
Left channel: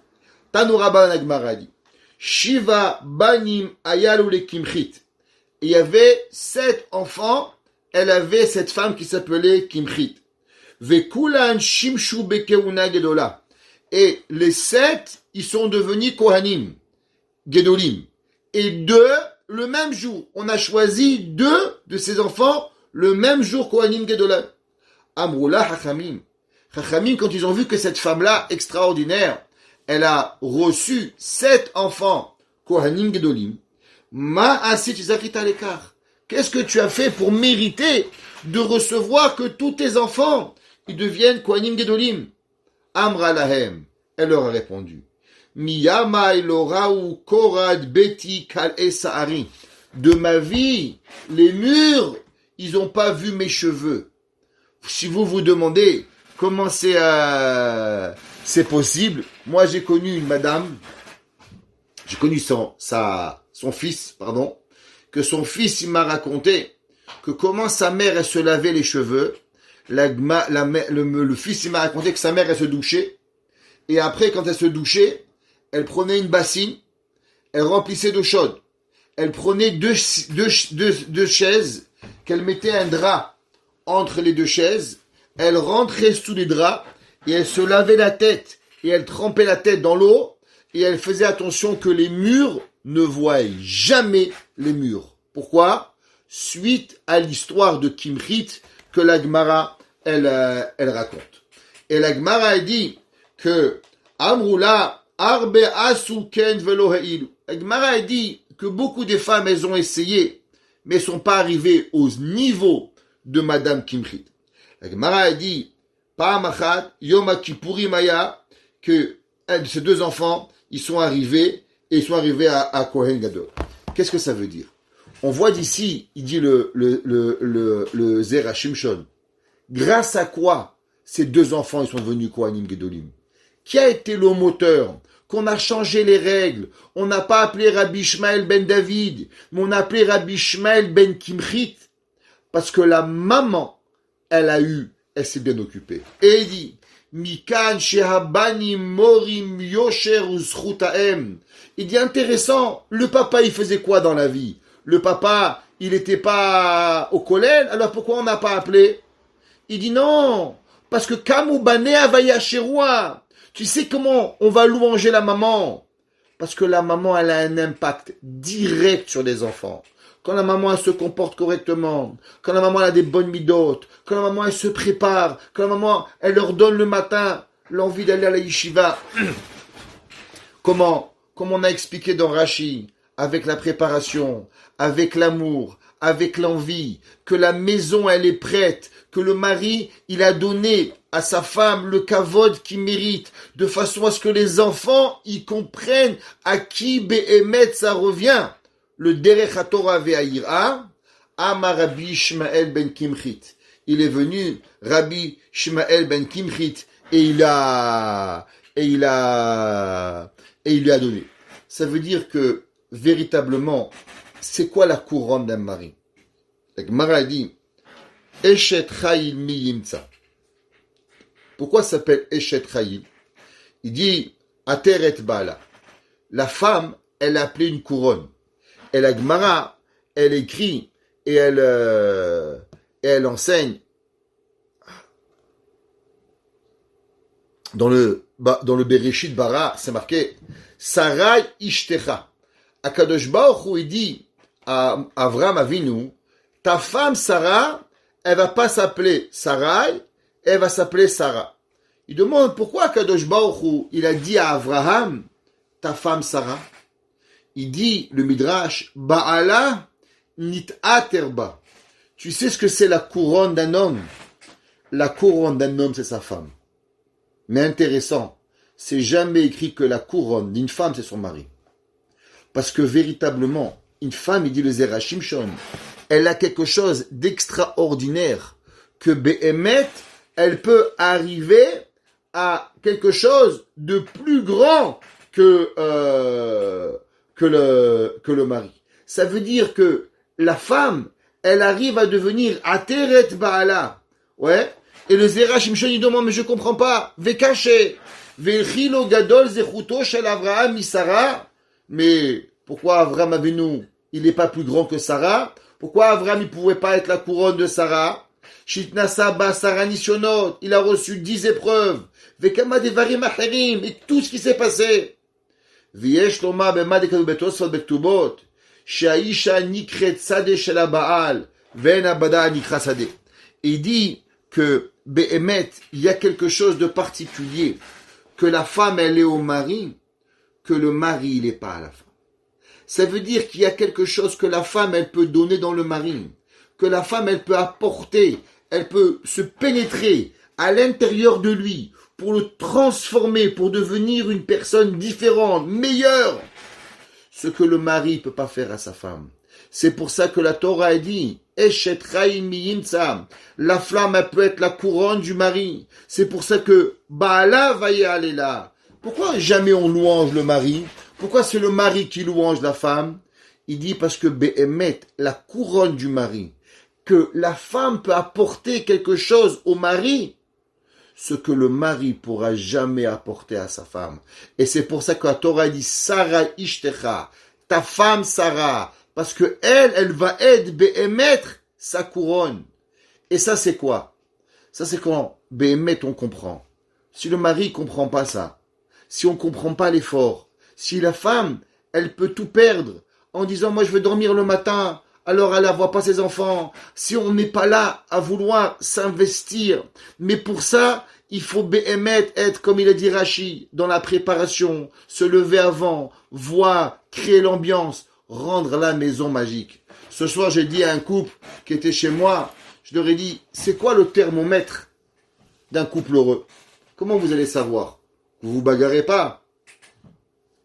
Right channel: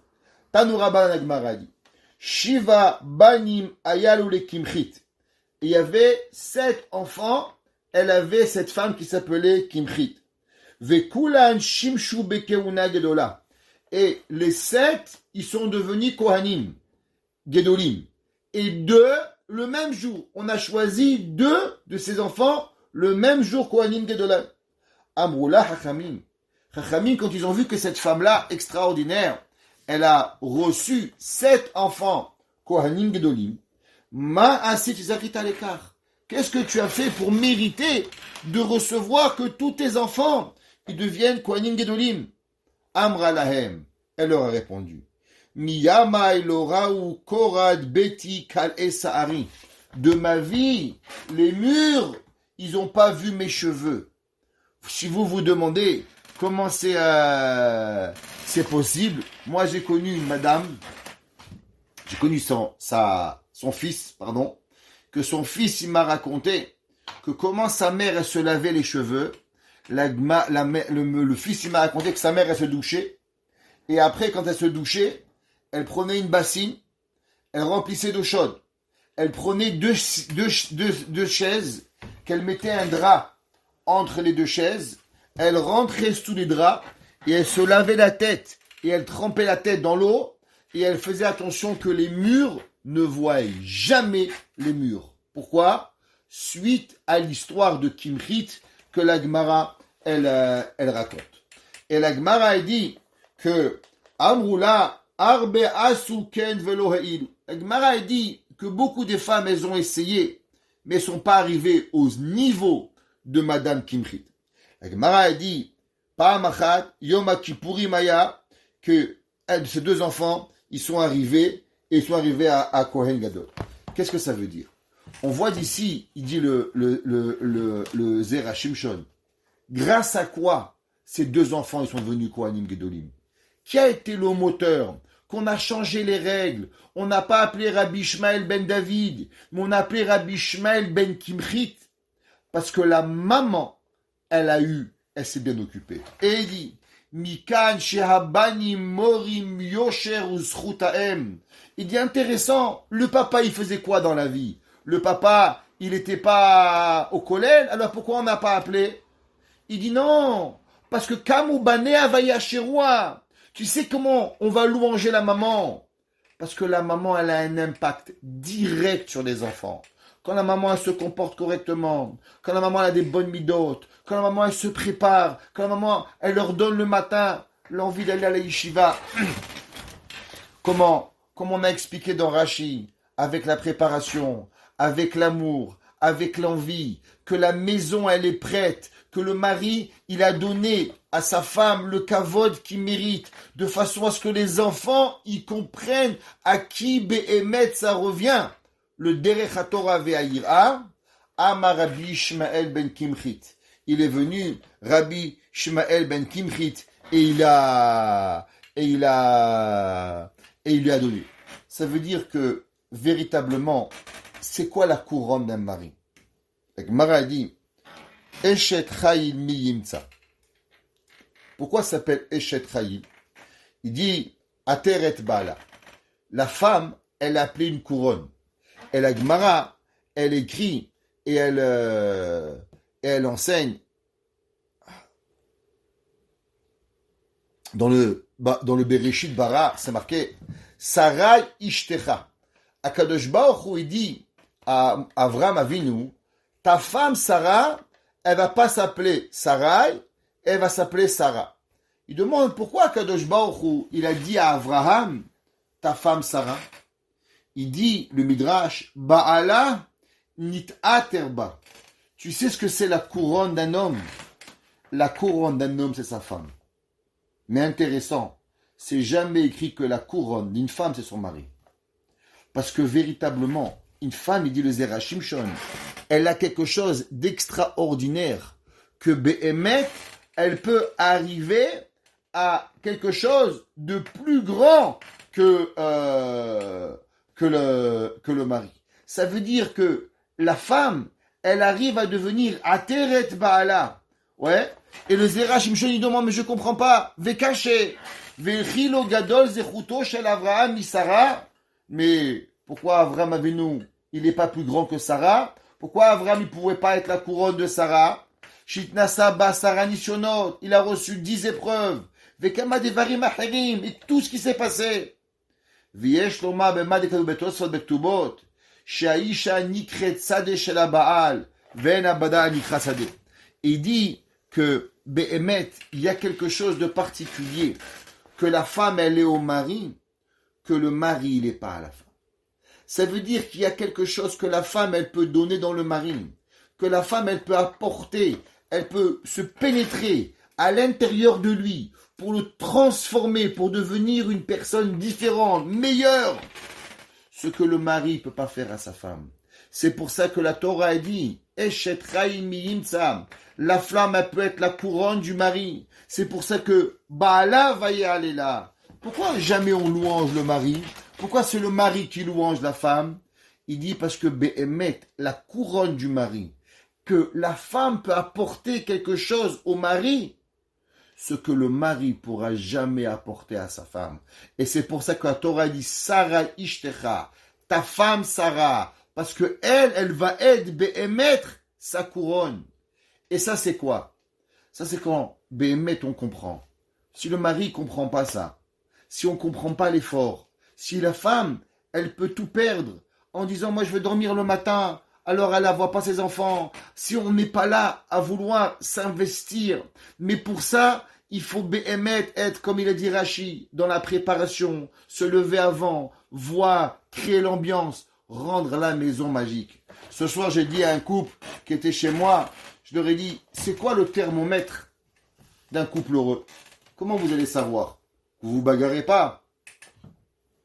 Tanouraba la Gemara dit, Shiva banim ayalu le Kimchit. Il y avait 7 enfants, elle avait cette femme qui s'appelait Kimchit. Vekulan shimshu bekeuna gedola. Et les 7, ils sont devenus Kohanim, Gedolim. Et 2, le même jour. On a choisi 2 de ces enfants, le même jour Kohanim Gedola. Amroula Hachamim. Hachamim, quand ils ont vu que cette femme-là, extraordinaire, elle a reçu 7 enfants, Kohanim Gedolim, Ma asit zakita lekar. Qu'est-ce que tu as fait pour mériter de recevoir que tous tes enfants ils deviennent Kohanim Gedolim? Amra lahem. Elle leur a répondu. Miyama elorau korad beti kal esahari. De ma vie, les murs, ils n'ont pas vu mes cheveux. Si vous vous demandez comment c'est possible, moi j'ai connu une madame, j'ai connu son fils, que son fils il m'a raconté que comment sa mère elle se lavait les cheveux. Le fils il m'a raconté que sa mère elle se douchait et après quand elle se douchait, elle prenait une bassine, elle remplissait d'eau chaude, elle prenait deux chaises, qu'elle mettait un drap entre les deux chaises, elle rentrait sous les draps et elle se lavait la tête et elle trempait la tête dans l'eau et elle faisait attention que les murs ne voient jamais les murs. Pourquoi? Suite à l'histoire de Kimrit que la Gemara elle raconte. Et la Gemara elle dit que Amrula arbe asuken velo heilu. La Gemara elle dit que beaucoup de femmes elles ont essayé mais ne sont pas arrivées au niveau de Madame Kimrit. La Gemara a dit, Pa'am achat, Yom Kippurim aya, que ces deux enfants, ils sont arrivés à Kohen Gadol. Qu'est-ce que ça veut dire? On voit d'ici, il dit le Zera Shimshon, grâce à quoi ces deux enfants ils sont devenus Kohanim Gedolim? Qui a été le moteur? Qu'on a changé les règles. On n'a pas appelé Rabbi Ishmael ben David, mais on a appelé Rabbi Ishmael ben Kimrit, parce que la maman, elle s'est bien occupée. Et il dit, Mikan shehabani morim yosher uzchutaem. Il dit intéressant, le papa il faisait quoi dans la vie? Le papa, il n'était pas au collège, alors pourquoi on n'a pas appelé? Il dit non, parce que Kamubane avaya sheroua. Tu sais comment on va louanger la maman? Parce que la maman, elle a un impact direct sur les enfants. Quand la maman, elle se comporte correctement, quand la maman, elle a des bonnes midotes, quand la maman, elle se prépare, quand la maman, elle leur donne le matin l'envie d'aller à la yeshiva. Comme on a expliqué dans Rashi, avec la préparation, avec l'amour, avec l'envie, que la maison, elle est prête, que le mari, il a donné à sa femme le kavod qu'il mérite, de façon à ce que les enfants, ils comprennent à qui Behemet ça revient. Le Derech HaTorah ve'Ha'ira, Amar Rabbi Shmael ben Kimchit. Il est venu, Rabbi Shmael ben Kimchit, et il lui a donné. Ça veut dire que, véritablement, c'est quoi la couronne d'un mari? La Gemara dit, Eshet Chayil mi yimtza. Pourquoi ça s'appelle Eshet Chayil? Il dit, Ateret Bala. La femme, elle a appelé une couronne. Et la Gemara, elle écrit et elle enseigne dans le Bereshit Bara, c'est marqué Sarai Ishtecha. Akadosh Baruch Hu, il dit à Avram Avinu, ta femme Sarah, elle va pas s'appeler Sarai, elle va s'appeler Sarah. Il demande pourquoi Akadosh Baruch Hu, il a dit à Avraham, ta femme Sarah. Il dit, le Midrash, Ba'ala nit'aterba. Tu sais ce que c'est la couronne d'un homme? La couronne d'un homme, c'est sa femme. Mais intéressant, c'est jamais écrit que la couronne d'une femme, c'est son mari. Parce que véritablement, une femme, il dit le Zera Shimshon, elle a quelque chose d'extraordinaire, que Behemet, elle peut arriver à quelque chose de plus grand que le mari. Ça veut dire que la femme, elle arrive à devenir Ateret Ba'ala. Ouais. Et le Zera Shimshon, il demande, mais je comprends pas. Vekaché. Vechilo gadol zechuto shel Avraham misara. Mais pourquoi Avraham Avinu, il n'est pas plus grand que Sarah? Pourquoi Avraham, il pouvait pas être la couronne de Sarah? Shitnasa ba Sarah Nishonot. Il a reçu 10 épreuves. Vekama devarim acherim. Et tout ce qui s'est passé. ויש לומר במה דכתוב בתוספות בכתובות שהאישה נקראת שדה של הבעל ואין הבדה נקרא שדה. Il dit que Behemet, il y a quelque chose de particulier, que la femme elle est au mari, que le mari il n'est pas à la femme. Ça veut dire qu'il y a quelque chose que la femme, elle peut donner dans le mari, que la femme, elle peut apporter, elle peut se pénétrer à l'intérieur de lui pour le transformer, pour devenir une personne différente, meilleure. Ce que le mari ne peut pas faire à sa femme. C'est pour ça que la Torah a dit, la flamme, elle peut être la couronne du mari. C'est pour ça que Baala va y aller là. Pourquoi jamais on louange le mari? Pourquoi c'est le mari qui louange la femme? Il dit parce que Behemet, la couronne du mari, que la femme peut apporter quelque chose au mari, ce que le mari pourra jamais apporter à sa femme. Et c'est pour ça que la Torah dit Sarah Ishtecha, ta femme Sarah, parce que elle va aider Behemet sa couronne. Et ça c'est quoi? Ça c'est quand Behemet on comprend. Si le mari comprend pas ça, si on comprend pas l'effort, si la femme elle peut tout perdre en disant moi je vais dormir le matin, alors elle ne voit pas ses enfants. Si on n'est pas là à vouloir s'investir, mais pour ça, il faut être, comme il a dit Rashi, dans la préparation, se lever avant, voir, créer l'ambiance, rendre la maison magique. Ce soir, j'ai dit à un couple qui était chez moi, je leur ai dit, c'est quoi le thermomètre d'un couple heureux? Comment vous allez savoir? Vous ne vous bagarrez pas?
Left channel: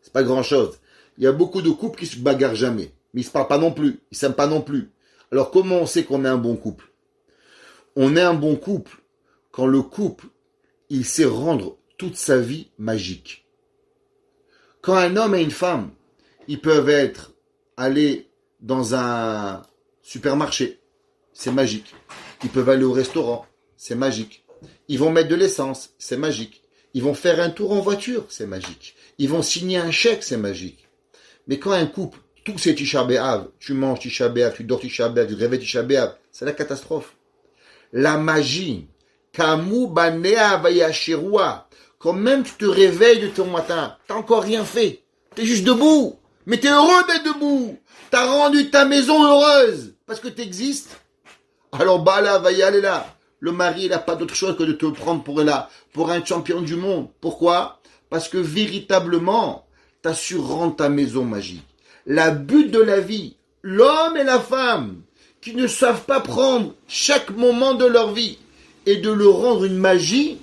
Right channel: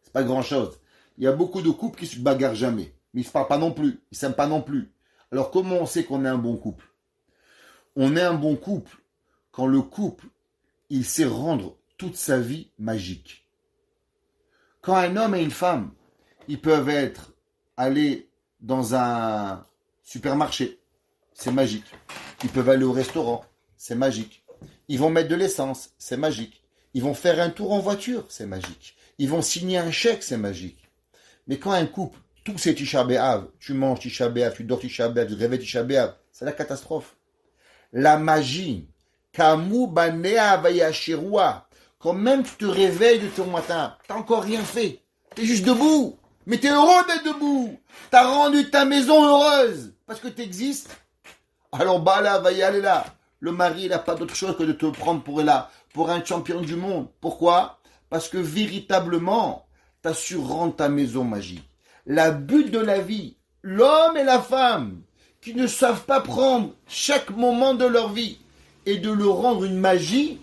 C'est pas grand-chose. Il y a beaucoup de couples qui se bagarrent jamais. Mais ils ne se parlent pas non plus, ils ne s'aiment pas non plus. Alors comment on sait qu'on est un bon couple? On est un bon couple quand le couple, il sait rendre toute sa vie magique. Quand un homme et une femme, ils peuvent aller dans un supermarché, c'est magique. Ils peuvent aller au restaurant, c'est magique. Ils vont mettre de l'essence, c'est magique. Ils vont faire un tour en voiture, c'est magique. Ils vont signer un chèque, c'est magique. Mais quand un couple, tout c'est Tisha B'Av, tu manges Tisha B'Av, tu dors Tisha B'Av, tu te réveilles Tisha B'Av, c'est la catastrophe. La magie, Kamu Banea Vayashirua, quand même tu te réveilles de ton matin, t'as encore rien fait, t'es juste debout, mais t'es heureux d'être debout, t'as rendu ta maison heureuse, parce que t'existes. Alors Bala va y aller là. Le mari, il n'a pas d'autre chose que de te prendre pour un champion du monde. Pourquoi? Parce que véritablement, t'as su rendre ta maison magique. La but de la vie, l'homme et la femme, qui ne savent pas prendre chaque moment de leur vie et de le rendre une magie,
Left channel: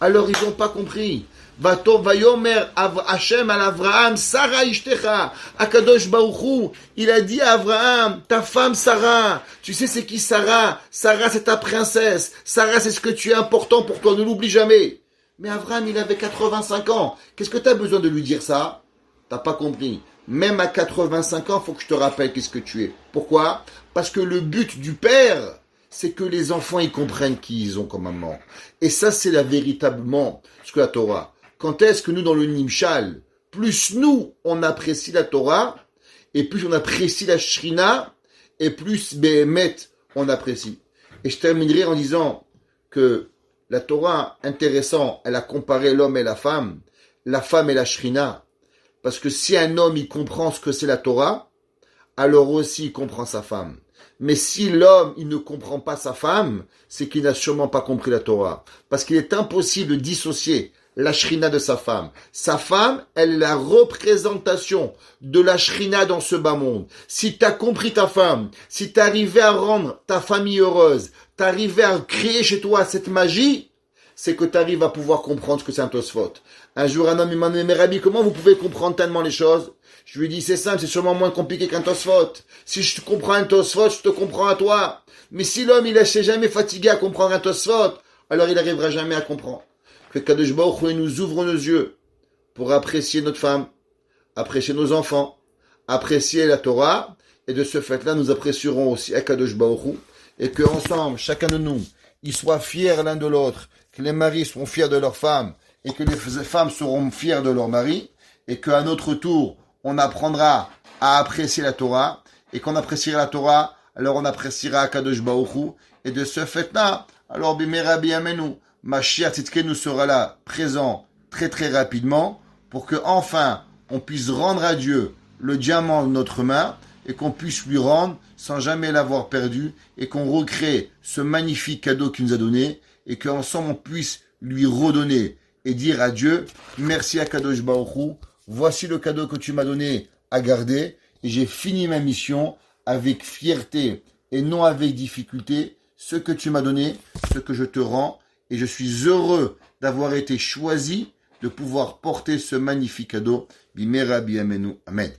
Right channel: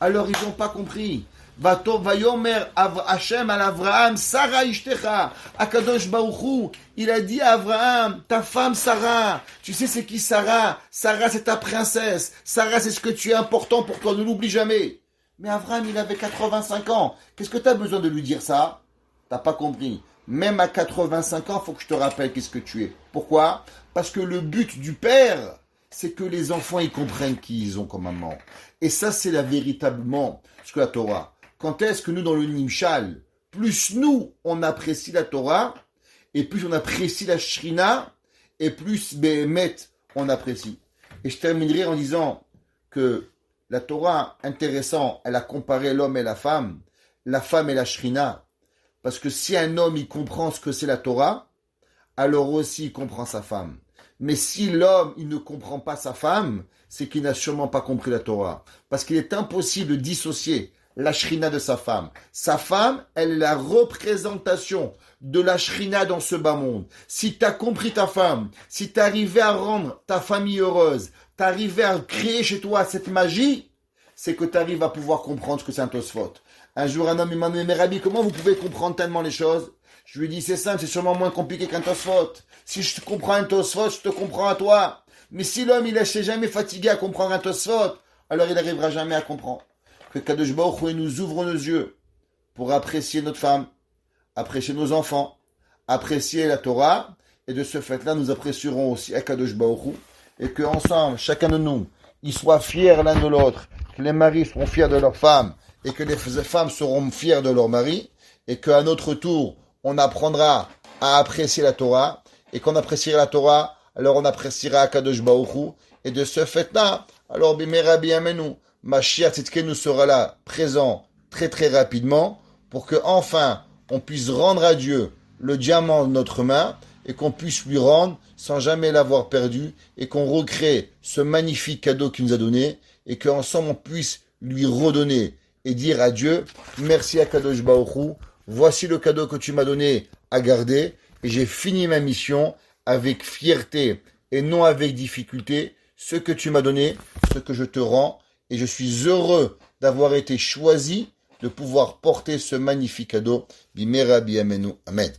alors ils n'ont pas compris. Vayomer Hashem al Avraham, Sarah Ishtecha, Akadosh Baruch Hu, il a dit à Avraham, ta femme Sarah, tu sais c'est qui Sarah? Sarah c'est ta princesse, Sarah c'est ce que tu es important pour toi, ne l'oublie jamais. Mais Avraham il avait 85 ans, qu'est-ce que tu as besoin de lui dire ça? T'as pas compris. Même à 85 ans, il faut que je te rappelle qu'est-ce que tu es. Pourquoi? Parce que le but du père, c'est que les enfants ils comprennent qui ils ont comme maman. Et ça, c'est véritablement ce que la Torah. Quand est-ce que nous, dans le Nimshal, plus nous, on apprécie la Torah, et plus on apprécie la Shrina, et plus Behemet, on apprécie. Et je terminerai en disant que la Torah, intéressant, elle a comparé l'homme et la femme et la Shrina. Parce que si un homme, il comprend ce que c'est la Torah, alors aussi il comprend sa femme. Mais si l'homme, il ne comprend pas sa femme, c'est qu'il n'a sûrement pas compris la Torah. Parce qu'il est impossible de dissocier la shrina de sa femme. Sa femme, elle est la représentation de la shrina dans ce bas monde. Si tu as compris ta femme, si tu es arrivé à rendre ta famille heureuse, tu es arrivé à créer chez toi cette magie, c'est que tu arrives à pouvoir comprendre ce que c'est un Tosfot. Un jour, un homme m'a dit, mais Rabbi, comment vous pouvez comprendre tellement les choses? Je lui ai dit, c'est simple, c'est sûrement moins compliqué qu'un Tosfot. Si je te comprends un Tosfot, je te comprends à toi. Mais si l'homme, il ne s'est jamais fatigué à comprendre un Tosfot, alors il n'arrivera jamais à comprendre. Que Kadosh Baruch Hu nous ouvre nos yeux pour apprécier notre femme, apprécier nos enfants, apprécier la Torah, et de ce fait-là, nous apprécierons aussi Kadosh Baruch Hu, et qu'ensemble, chacun de nous, ils soient fiers l'un de l'autre, que les maris seront fiers de leurs femmes, et que les femmes seront fières de leurs maris, et qu'à notre tour, on apprendra à apprécier la Torah, et qu'on appréciera la Torah, alors on appréciera Akadosh Baruch Hu, et de ce fait-là, alors Bimera Biyamenu, Mashiach Tzidkenu sera là, présent, très très rapidement, pour que enfin on puisse rendre à Dieu le diamant de notre main, et qu'on puisse lui rendre sans jamais l'avoir perdu, et qu'on recrée ce magnifique cadeau qu'il nous a donné, et qu'ensemble on puisse lui redonner, et dire à Dieu, merci à Kadosh Baruch Hu, voici le cadeau que tu m'as donné à garder, et j'ai fini ma mission avec fierté et non avec difficulté. Ce que tu m'as donné, ce que je te rends, et je suis heureux d'avoir été choisi de pouvoir porter ce magnifique cadeau. Bimera biamenu. Amen.